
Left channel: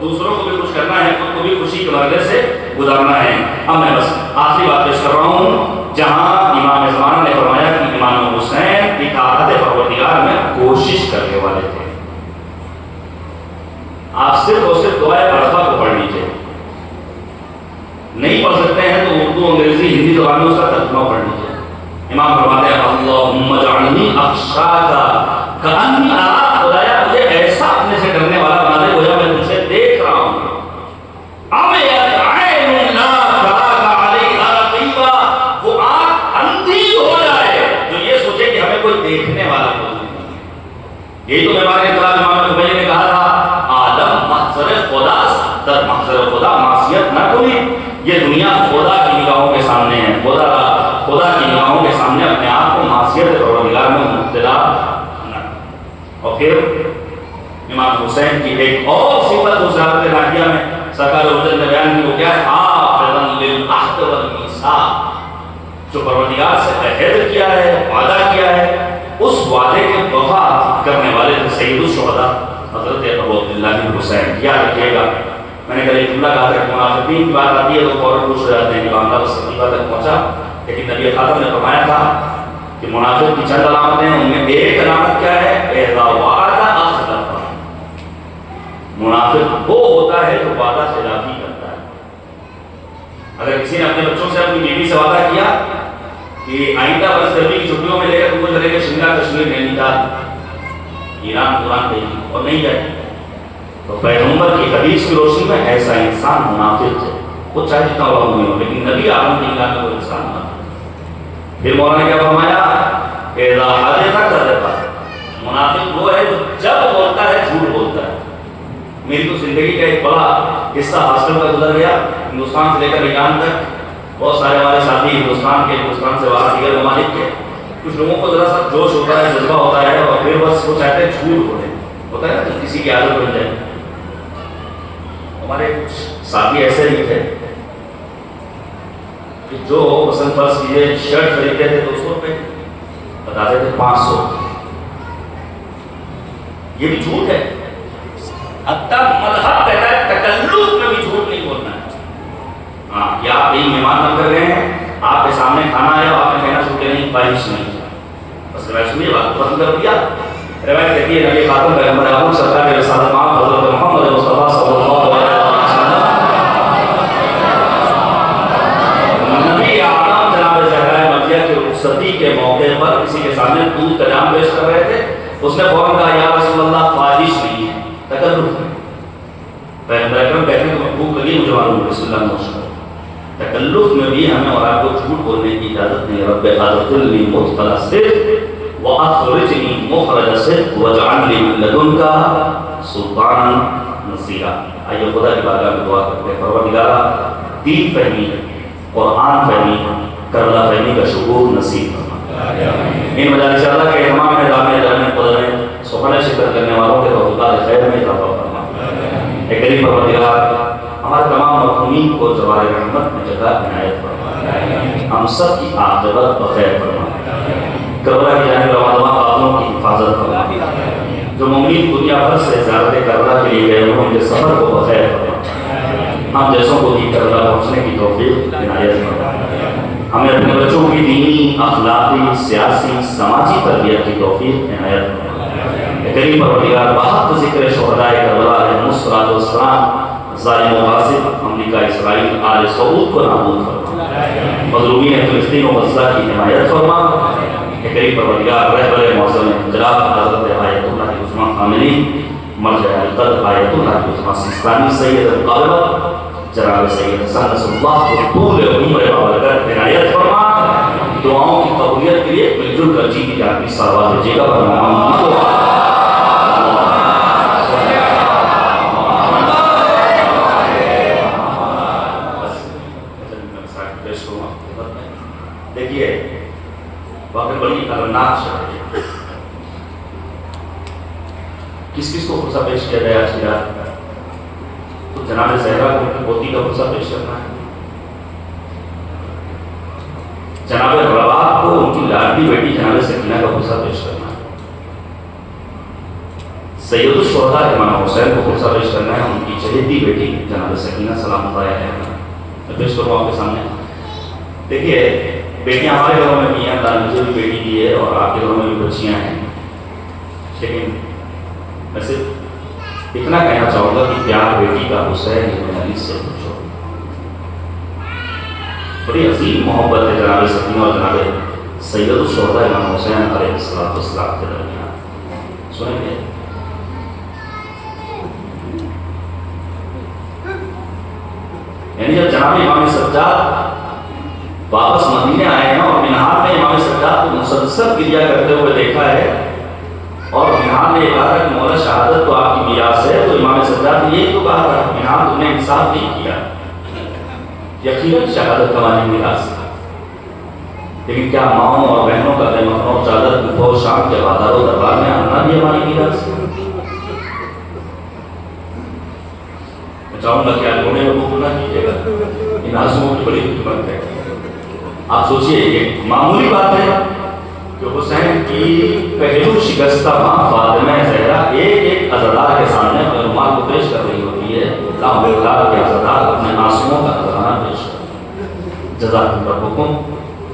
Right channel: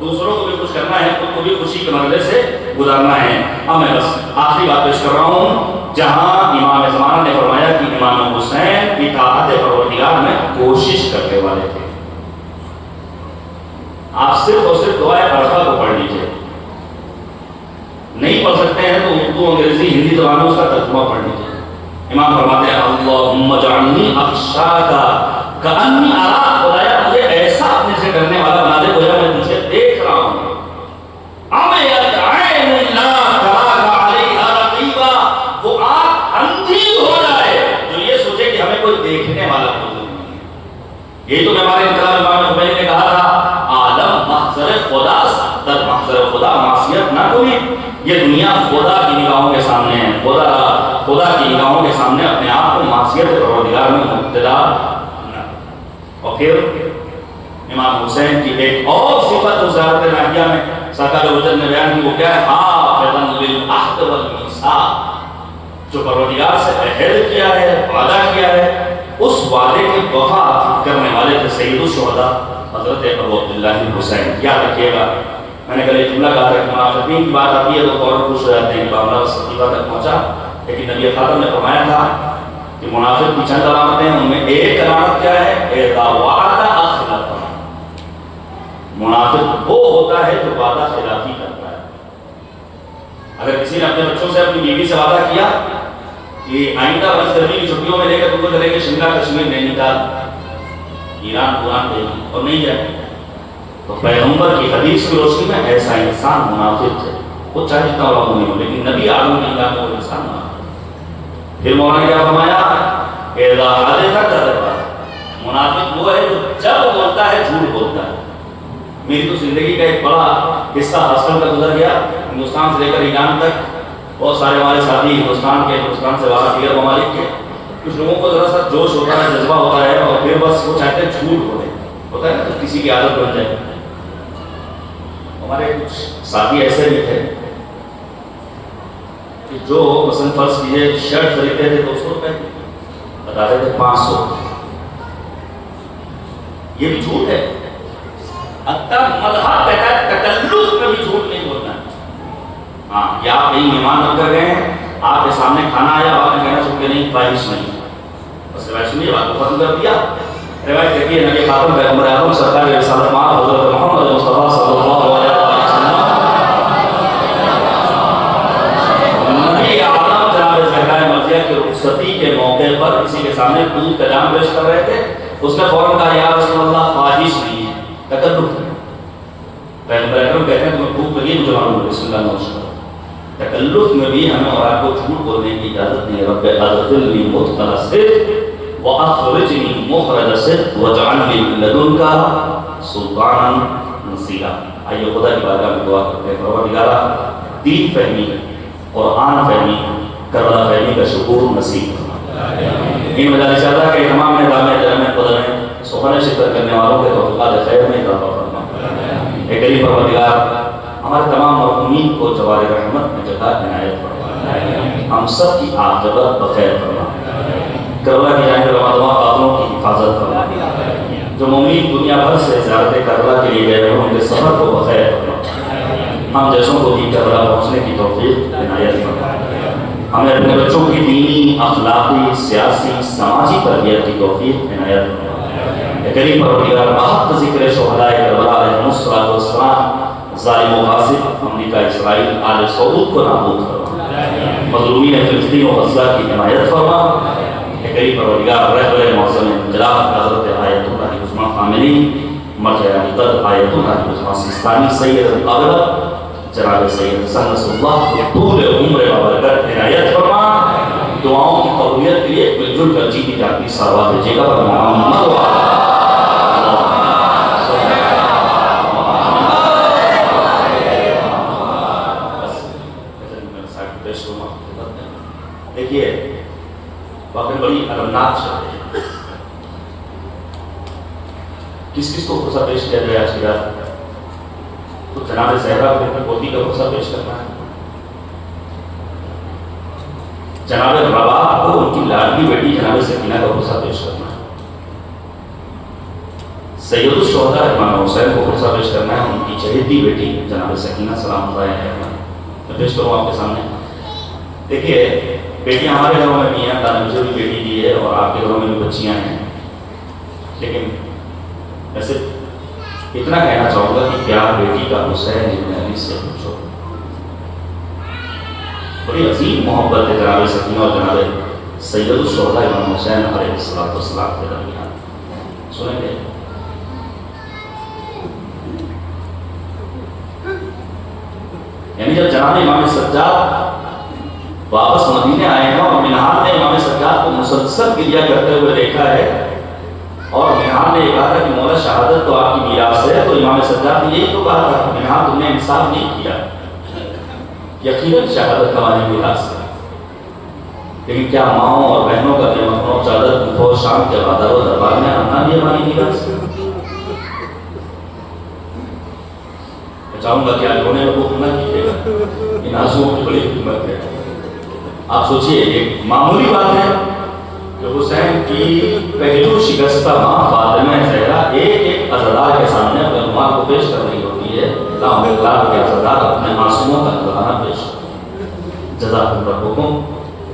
دوسروں کو بھی خوش کرنا ہے، خود کو بھی خوشی کے مرحلے سے گزارنا ہے۔ اب میں بس آخری بات پیش کر رہا ہوں، جہاں امام زمانہ نے فرمایا کہ امام حسین اطاعت پروردگار میں کوشش کرنے والے تھے، آپ صرف اور صرف دعائے عرفہ کو پڑھ لیجیے، نہیں پڑھ سکتے ہیں تو اردو، انگریزی، ہندی زبان میں اس کا ترجمہ پڑھ لیجیے۔ امام فرماتے ہیں اللہم اجعلنی اخشاک کأنی اراک، خدایا مجھے ایسا اپنے سے ڈرنے والا بنا دے گویا میں تجھے دیکھ رہا ہوں۔ عمیت عین لا تراک علیہا رقیبا، وہ آنکھ اندھی ہو جائے جو یہ سوچے کہ ہمیں کوئی دیکھنے والا نہیں۔ یہی تو ہمارے انقلاب امام خمینی نے کہا تھا آدم محضر خدا در محضر خدا معصیت نہ کنی، یہ دنیا خدا کی نگاہوں کے سامنے ہے، خدا کی نگاہوں کے سامنے اپنے آپ کو معصیت پروردگار میں مبتلا نہ۔ اور پھر امام حسین کی ایک اور صفت جو زیارت ناحیہ میں سرکار وجد نے بیان کی، وہ کیا ہے؟ حافظا للعہد والمیثاق، جو پروردگار سے عہد کیا ہے، وعدہ کیا ہے، اس وعدے کے وفا کرنے والے تھے سید الشہداء حضرت ابو عبداللہ حسین۔ یاد رکھیے گا، میں نے کل ایک جملہ کہا تھا کہ منافقین کی بات آتی ہے تو فوراً خوش ہو جاتے ہیں کہ معاملہ صدیقہ تک پہنچا، لیکن نبی خاتم نے فرمایا تھا کہ منافق کی چند علامتیں ہیں، ان میں ایک علامت کیا ہے؟ اذا وعد اخلف، منافق وہ ہوتا ہے جو وعدہ خلافی کرتا ہے۔ اگر کسی نے اپنے بچوں سے، اپنی بیوی سے وعدہ کیا کہ آئندہ بس گرمی کی چھٹیوں میں لے کر تم چلے گے شملہ کشمیر، نینی تال، ایران قرآن دے گی اور نہیں جائے، تو پیغمبر کی حدیث کی روشنی میں ایسا انسان منافق ہے، وہ چاہے جتنا بڑا نہیں ہو، لیکن نبی عالم کی نگاہ میں وہ انسان منافق۔ پھر مولانا نے کیا فرمایا؟ اذا حدث کذب، منافق وہ ہے جو جب بولتا ہے جھوٹ بولتا ہے۔ میری تو زندگی کا ایک بڑا حصہ ہاسٹل کا گزر گیا، ہندوستان سے لے کر ایران تک، بہت سارے ہمارے ساتھی ہندوستان سے باہر دیگر ممالک کے، کچھ لوگوں کو ذرا سا جوش ہوتا ہے، جذبہ ہوتا ہے، اور پھر بس وہ چاہتے ہیں جھوٹ بولے، ہوتا ہے نا کسی کی عادت بن جائے۔ ہمارے کچھ ساتھی ایسے بھی تھے کہ جو مثلاً فرض کیجیے شرٹ خریدتے تھے 200 روپے، بتاتے تھے 500، یہ بھی جھوٹ ہے۔ مذہب کہتا ہے تکلف میں بھی جھوٹ نہیں بولنا ہے۔ ہاں، یا آپ کہیں مہمان بن کر گئے ہیں، آپ کے سامنے کھانا آیا، آپ نے کہنا چھوٹے نہیں، خواہش نہیں، بس روایت سنیے، بات کو ختم کر دیا۔ روایت دیکھیے نبی خاتم پیغمبر اعظم سرکار کے رسالت مآب حضرت محمد مصطفیٰ صلی اللہ علیہ وسلم، نبی اعظم جناب زہرا مرضیہ کی رخصتی کے موقع پر کسی کے سامنے دودھ کا جام پیش کر رہے تھے، اس نے فوراً کہا یا رسول اللہ خواہش نہیں ہے، تکلف ہے۔ پیغمبر اکرم کہتے ہیں کہ میں بھوک لگی مجھے معلوم ہے، بسم اللہ نوش کرو۔ تکلف میں بھی ہمیں اور آپ کو جھوٹ بولنے کی اجازت نہیں۔ رب ادخلنی مدخل صدق واخرجنی مخرج صدق واجعل لي من لدنك سلطانا نصیرا۔ آئیے خدا کی بارگاہ میں دعا کرتے ہیں، پروردگارا دین فہمی، قرآن فہمی، کربلا فہمی کا شکور نصیب فرما۔ ان مجالس اللہ کے اہتمام میں دامِ درم قدر میں سخن شکر کرنے والوں کے توفیقات خیر میں اضافہ فرما۔ اے کریم پروردگار، ہمارے تمام مرحومین کو جوار رحمت میں جگہ عنایت فرما، ہم سب کی عاقبت بخیر فرما، کربلا کی جانب روان قافلوں کی حفاظت فرما، جو مومنین دنیا بھر سے زیارت کربلا کے لیے گئے ہیں ان کے سفر کو بخیر فرما، ہم جیسوں کو بھی کربلا پہنچنے کی توفیق عنایت فرما، ہمیں اپنے بچوں کی دینی، اخلاقی، سیاسی، سماجی تربیت کی توفیق عنایت فرما۔ کریم پروردگار، بحق ذکر شہداء کربلا علیہم السلام، ظالم و غاصب امریکہ، اسرائیل، آل سعود کو نابود فرما، مظلومین فلسطین و غزہ کی حمایت فرما۔ کہ کریم پروردگار، رہبر معظم جناب حضرت آیت اللہ عثمان خامنی، مرجع القلب آیت اللہ عثمان سیستانی، سید القابلہ جناب سید حسن نصر اللہ کو طول عمر بابرکت عنایت فرما۔ دعاؤں کی قبولیت کے لیے مل جل کر جیتی جاتی سوال بھیجے گا پر محمد دیکھیے واقعی بڑی المناک شہر ہے۔ کس کس کو خصہ پیش کیا جائے آج کی رات؟ تو جناب زہرا کو اپنی پوتی کا خصہ پیش کرنا ہے، جناب رباح کو ان کی لاڈلی بیٹی جناب سکینہ کا خصہ پیش کرنا ہے، سید الشہداء امام حسین کو خطبہ پیش کرنا ہے، ان کی چہیتی بیٹی جناب سکینہ سلام اللہ علیہ میں پیش کروں آپ کے سامنے۔ دیکھیے بیٹیاں ہمارے گھروں میں بھی ہیں، اللہ نے مجھے بھی بیٹی دی ہے اور آپ کے گھروں میں بھی بچیاں ہیں، لیکن میں صرف اتنا کہنا چاہوں گا کہ پیار بیٹی کا حسین ابن علی سے پوچھو۔ بڑی عظیم محبت ہے جناب سکینہ اور جناب سید الشہداء امام حسین علیہ السلام کے درمیان۔ سنیں گے یعنی جب جناب امام سجاد واپس مدینے آئے ہیں اور مینہار میں امام سجاد کو مسلسل گریہ کرتے ہوئے دیکھا ہے، اور مینہار نے یہ کہا تھا کہ مولا شہادت تو آپ کی میراث ہے، تو امام سجاد نے یہی تو کہا تھا کہ مینہار تم نے انصاف نہیں کیا، یقیناً شہادت ہماری میراث ہے، لیکن کیا ماؤں اور بہنوں کا بے مخنوں چادر کو شام کے بادار و دربار میں آنا بھی ہماری میراث ہے؟ چاہوں گا کیا رونے میں خوب نہ کیجیے گا، ان آنسوؤں کی بڑی حکمت ہے۔ آپ سوچئے ایک معمولی بات ہے کہ حسین کی پہلو شکستہ ماں فاطمہ زہرا ایک ایک عزادار کے سامنے اپنے رومال کو پیش کر رہی ہوتی ہے، لاکھ کے عزادار اپنے آنسوؤں کا نذرانہ پیش کر، جزاکم ربکم،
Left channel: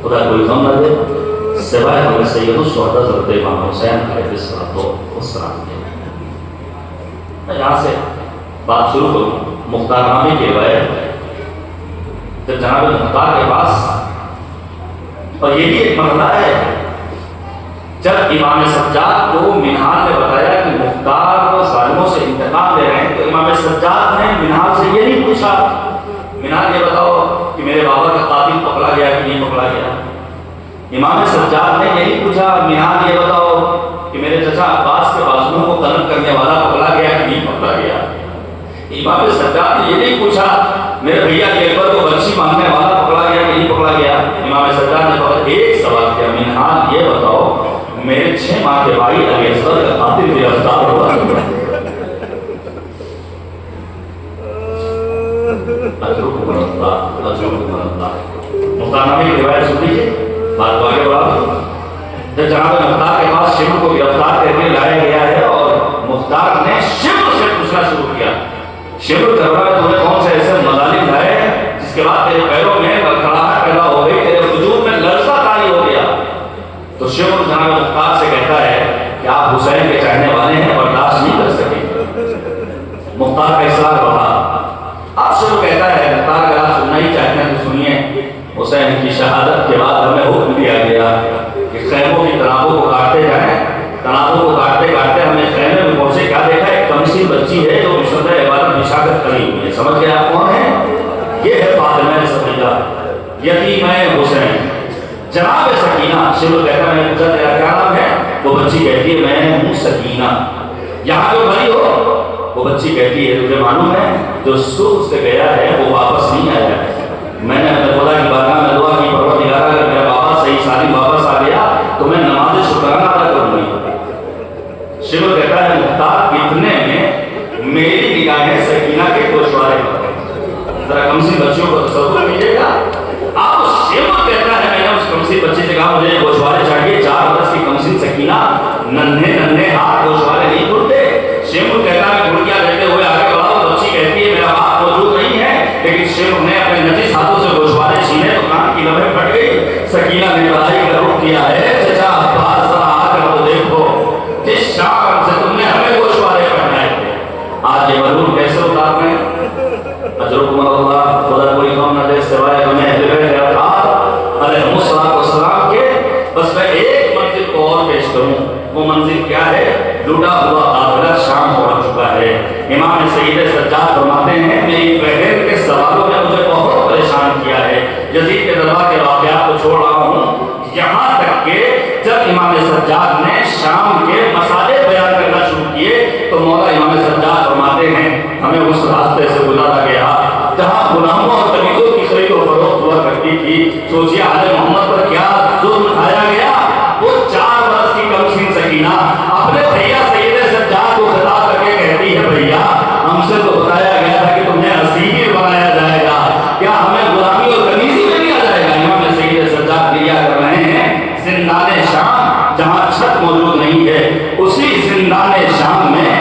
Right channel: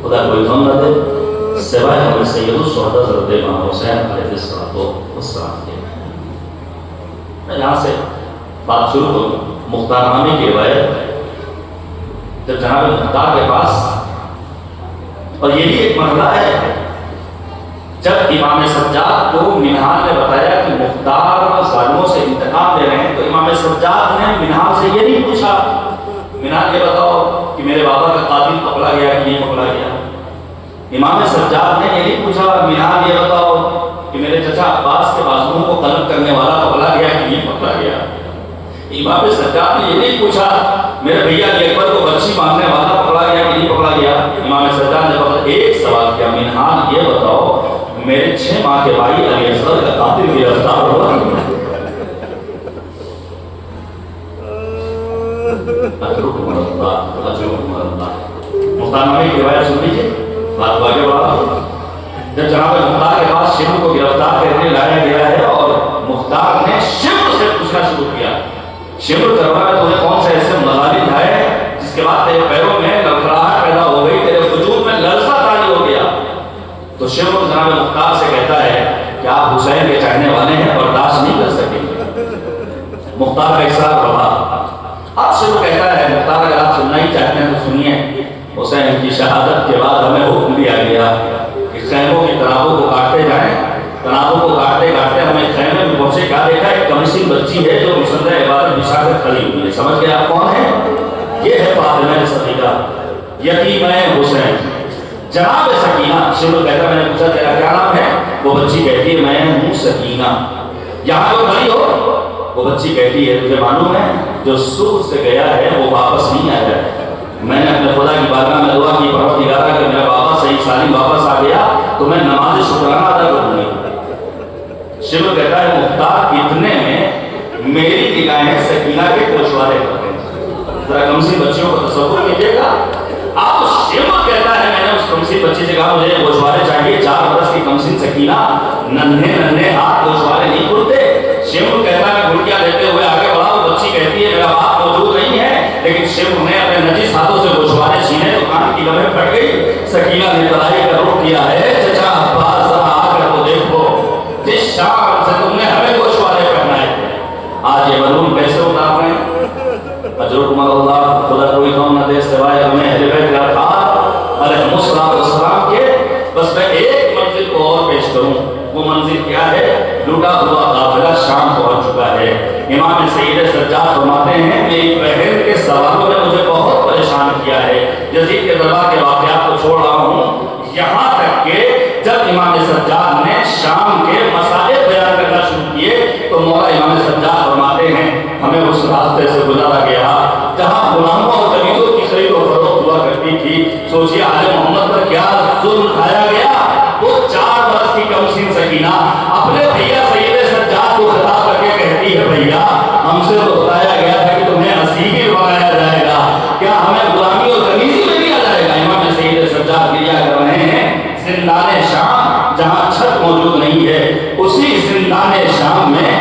خدا کوئی غم نہ دے سوائے ہمیں سید الشہداء حضرت امام حسین علیہ السلام کے۔ میں یہاں سے بات شروع کروں مختار نامے کی روایت، جب جناب مختار کے پاس، اور یہ بھی ایک مرحلہ ہے جب امام سجاد کو مینہار نے بتایا کہ مختار ظالموں سے انتقام لے رہے ہیں، تو امام سجاد نے مینہار سے یہ نہیں پوچھا مینہار یہ بتاؤ کہ میرے بابا کا قاتل پکڑا گیا کہ نہیں پکڑا گیا، امام سجاد نے یہ نہیں پوچھا مینہار یہ بتاؤ کہ میرے چچا عباس کے بازوؤں کو قلم کرنے والا پکڑا گیا کہ نہیں پکڑا گیا، امام سجاد نے یہ نہیں پوچھا میرے بھیا کے اکبر کو بچی مانگنے والا پکڑا گیا کہ نہیں پکڑا گیا، امام سجاد نے فقط ایک سوال کیا مینہار یہ بتاؤ میرے 6 ماہ کے بھائی علی اصغر کا قاتل گرفتار ہوا؟ مختار نامے کی روایت سن لیجیے، بات باقی بات، جب جناب مختار کے پاس شمر کو گرفتار کرنے لایا گیا ہے اور مختار نے شمر سے پوچھنا شروع کیا، شمر کربلا میں تمہیں کون سے ایسے مظالم لائے جس کے بعد تیرے پیروں میں لڑکھڑاہٹ پیدا ہو گئی، تیرے وجود میں لرزہ طاری ہو گیا، تو شمر جناب مختار سے کہتا ہے کہ آپ حسین کے چاہنے والے ہیں، برداشت نہیں کر سکیں، مختار کا اصرار بڑھا، اب شمر کہتا ہے مختار اگر آپ سننا ہی چاہتے ہیں تو سنیے، حسین کی شہادت کے بعد ہمیں حکم دیا گیا کہ خیموں کی تنابوں کو کاٹتے جائیں، تنابوں کو کاٹتے کاٹتے ہمیں خیمے میں پہنچے، کیا دیکھا ایک کمسن بچی ہے جو مصدر عبادت بچھا کر کھڑی ہوئی ہے، سمجھ گئے آپ کون ہیں؟ یہ ہے فاطمہ صدیقہ یتیم حسین۔ جناب سکینہ، شمر کہتا ہے میں نے پوچھا تیرا کیا نام ہے؟ وہ بچی کہتی ہے میں ہوں سکینہ، یہاں جو بھری ہو وہ بچی کہتی ہے تجھے معلوم ہے جو سوکھ سے گیا ہے وہ واپس نہیں آیا ہے، میں نے اپنے خدا کی بارگاہ میں دعا کی پروردگارا اگر میرا بابا صحیح سالم واپس آ گیا تو میں نماز شکرانہ ادا کروں گی۔ شمر کہتا ہے مختار اتنے میں میری نگاہیں سکینہ کے گوشوارے پر گئیں، ذرا کمسن بچیوں کو تصور کیجیے گا، اب شمر کہتا ہے میں نے اس کمسن بچی سے کہا مجھے گوشوارے چاہیے، 4 برس کی کمسن سکینہ، ننھے ہاتھ گوشوارے نہیں کھلتے، شمر کہتا ہے گھڑکیاں لیتے ہوئے آگے بڑھا، تو بچی کہتی ہے میرا باپ موجود نہیں ہے، لیکن شمر نے اپنے نجس ہاتھوں سے گوشوارے چھینے تو کان کی لمحے پھٹ گئی، سکینہ نے بڑائی کا رخ کیا ہے چچا عباس ذرا آ کر تو دیکھو جس شام سے تم نے ہمیں گوشوارے کرنا ہے، آج یہ ملعون کیسے اتار رہے ہیں؟ اجرکم اللہ، خدا کوئی غم نہ دے سوائے ہمیں اہل بیت اطہار علیہ السلام کے۔ بس میں ایک منزل کو اور پیش کروں، وہ منزل کیا ہے؟ لوٹا ہوا قافلہ شام پہنچ چکا ہے، امام سید سجاد فرماتے ہیں میری بہن کے سوالوں نے مجھے بہت پریشان کیا ہے، یزید کے دربار کے واقعات کو چھوڑ رہا ہوں، یہاں تک کہ جب امام سجاد نے شام کے مسائل بیان کرنا شروع کیے تو مولا امام سجاد فرماتے ہیں ہمیں اس راستے سے گزارا گیا جہاں غلاموں اور قمیضوں کی خرید و فروخت ہوا کرتی تھی، سوچیے آل محمد پر کیا ظلم اٹھایا گیا، وہ 4 برس کی کمسن سکینہ اپنے بھیا سید سجاد کو خطاب کر کے کہتی ہے بھیا ہم سے تو بتایا گیا تھا کہ تمہیں اسیر بنایا جائے گا، کیا ہمیں غلامی اور قمیضی میں لیا جائے گا؟ امام سید سجاد لیا کر رہے ہیں زندان شام جہاں چھت موجود نہیں ہے، اسی زندان شام میں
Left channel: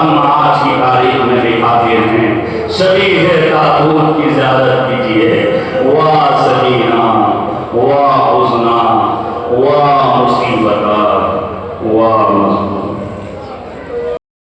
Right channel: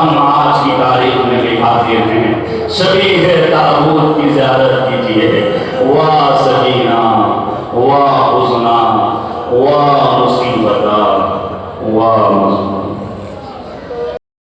ہم آج کی تاریخ میں لکھاتے ہیں شبی ہے تابوت کی زیارت کیجیے واہ سکینہ واہ حزنہ واہ مصیبتہ واہ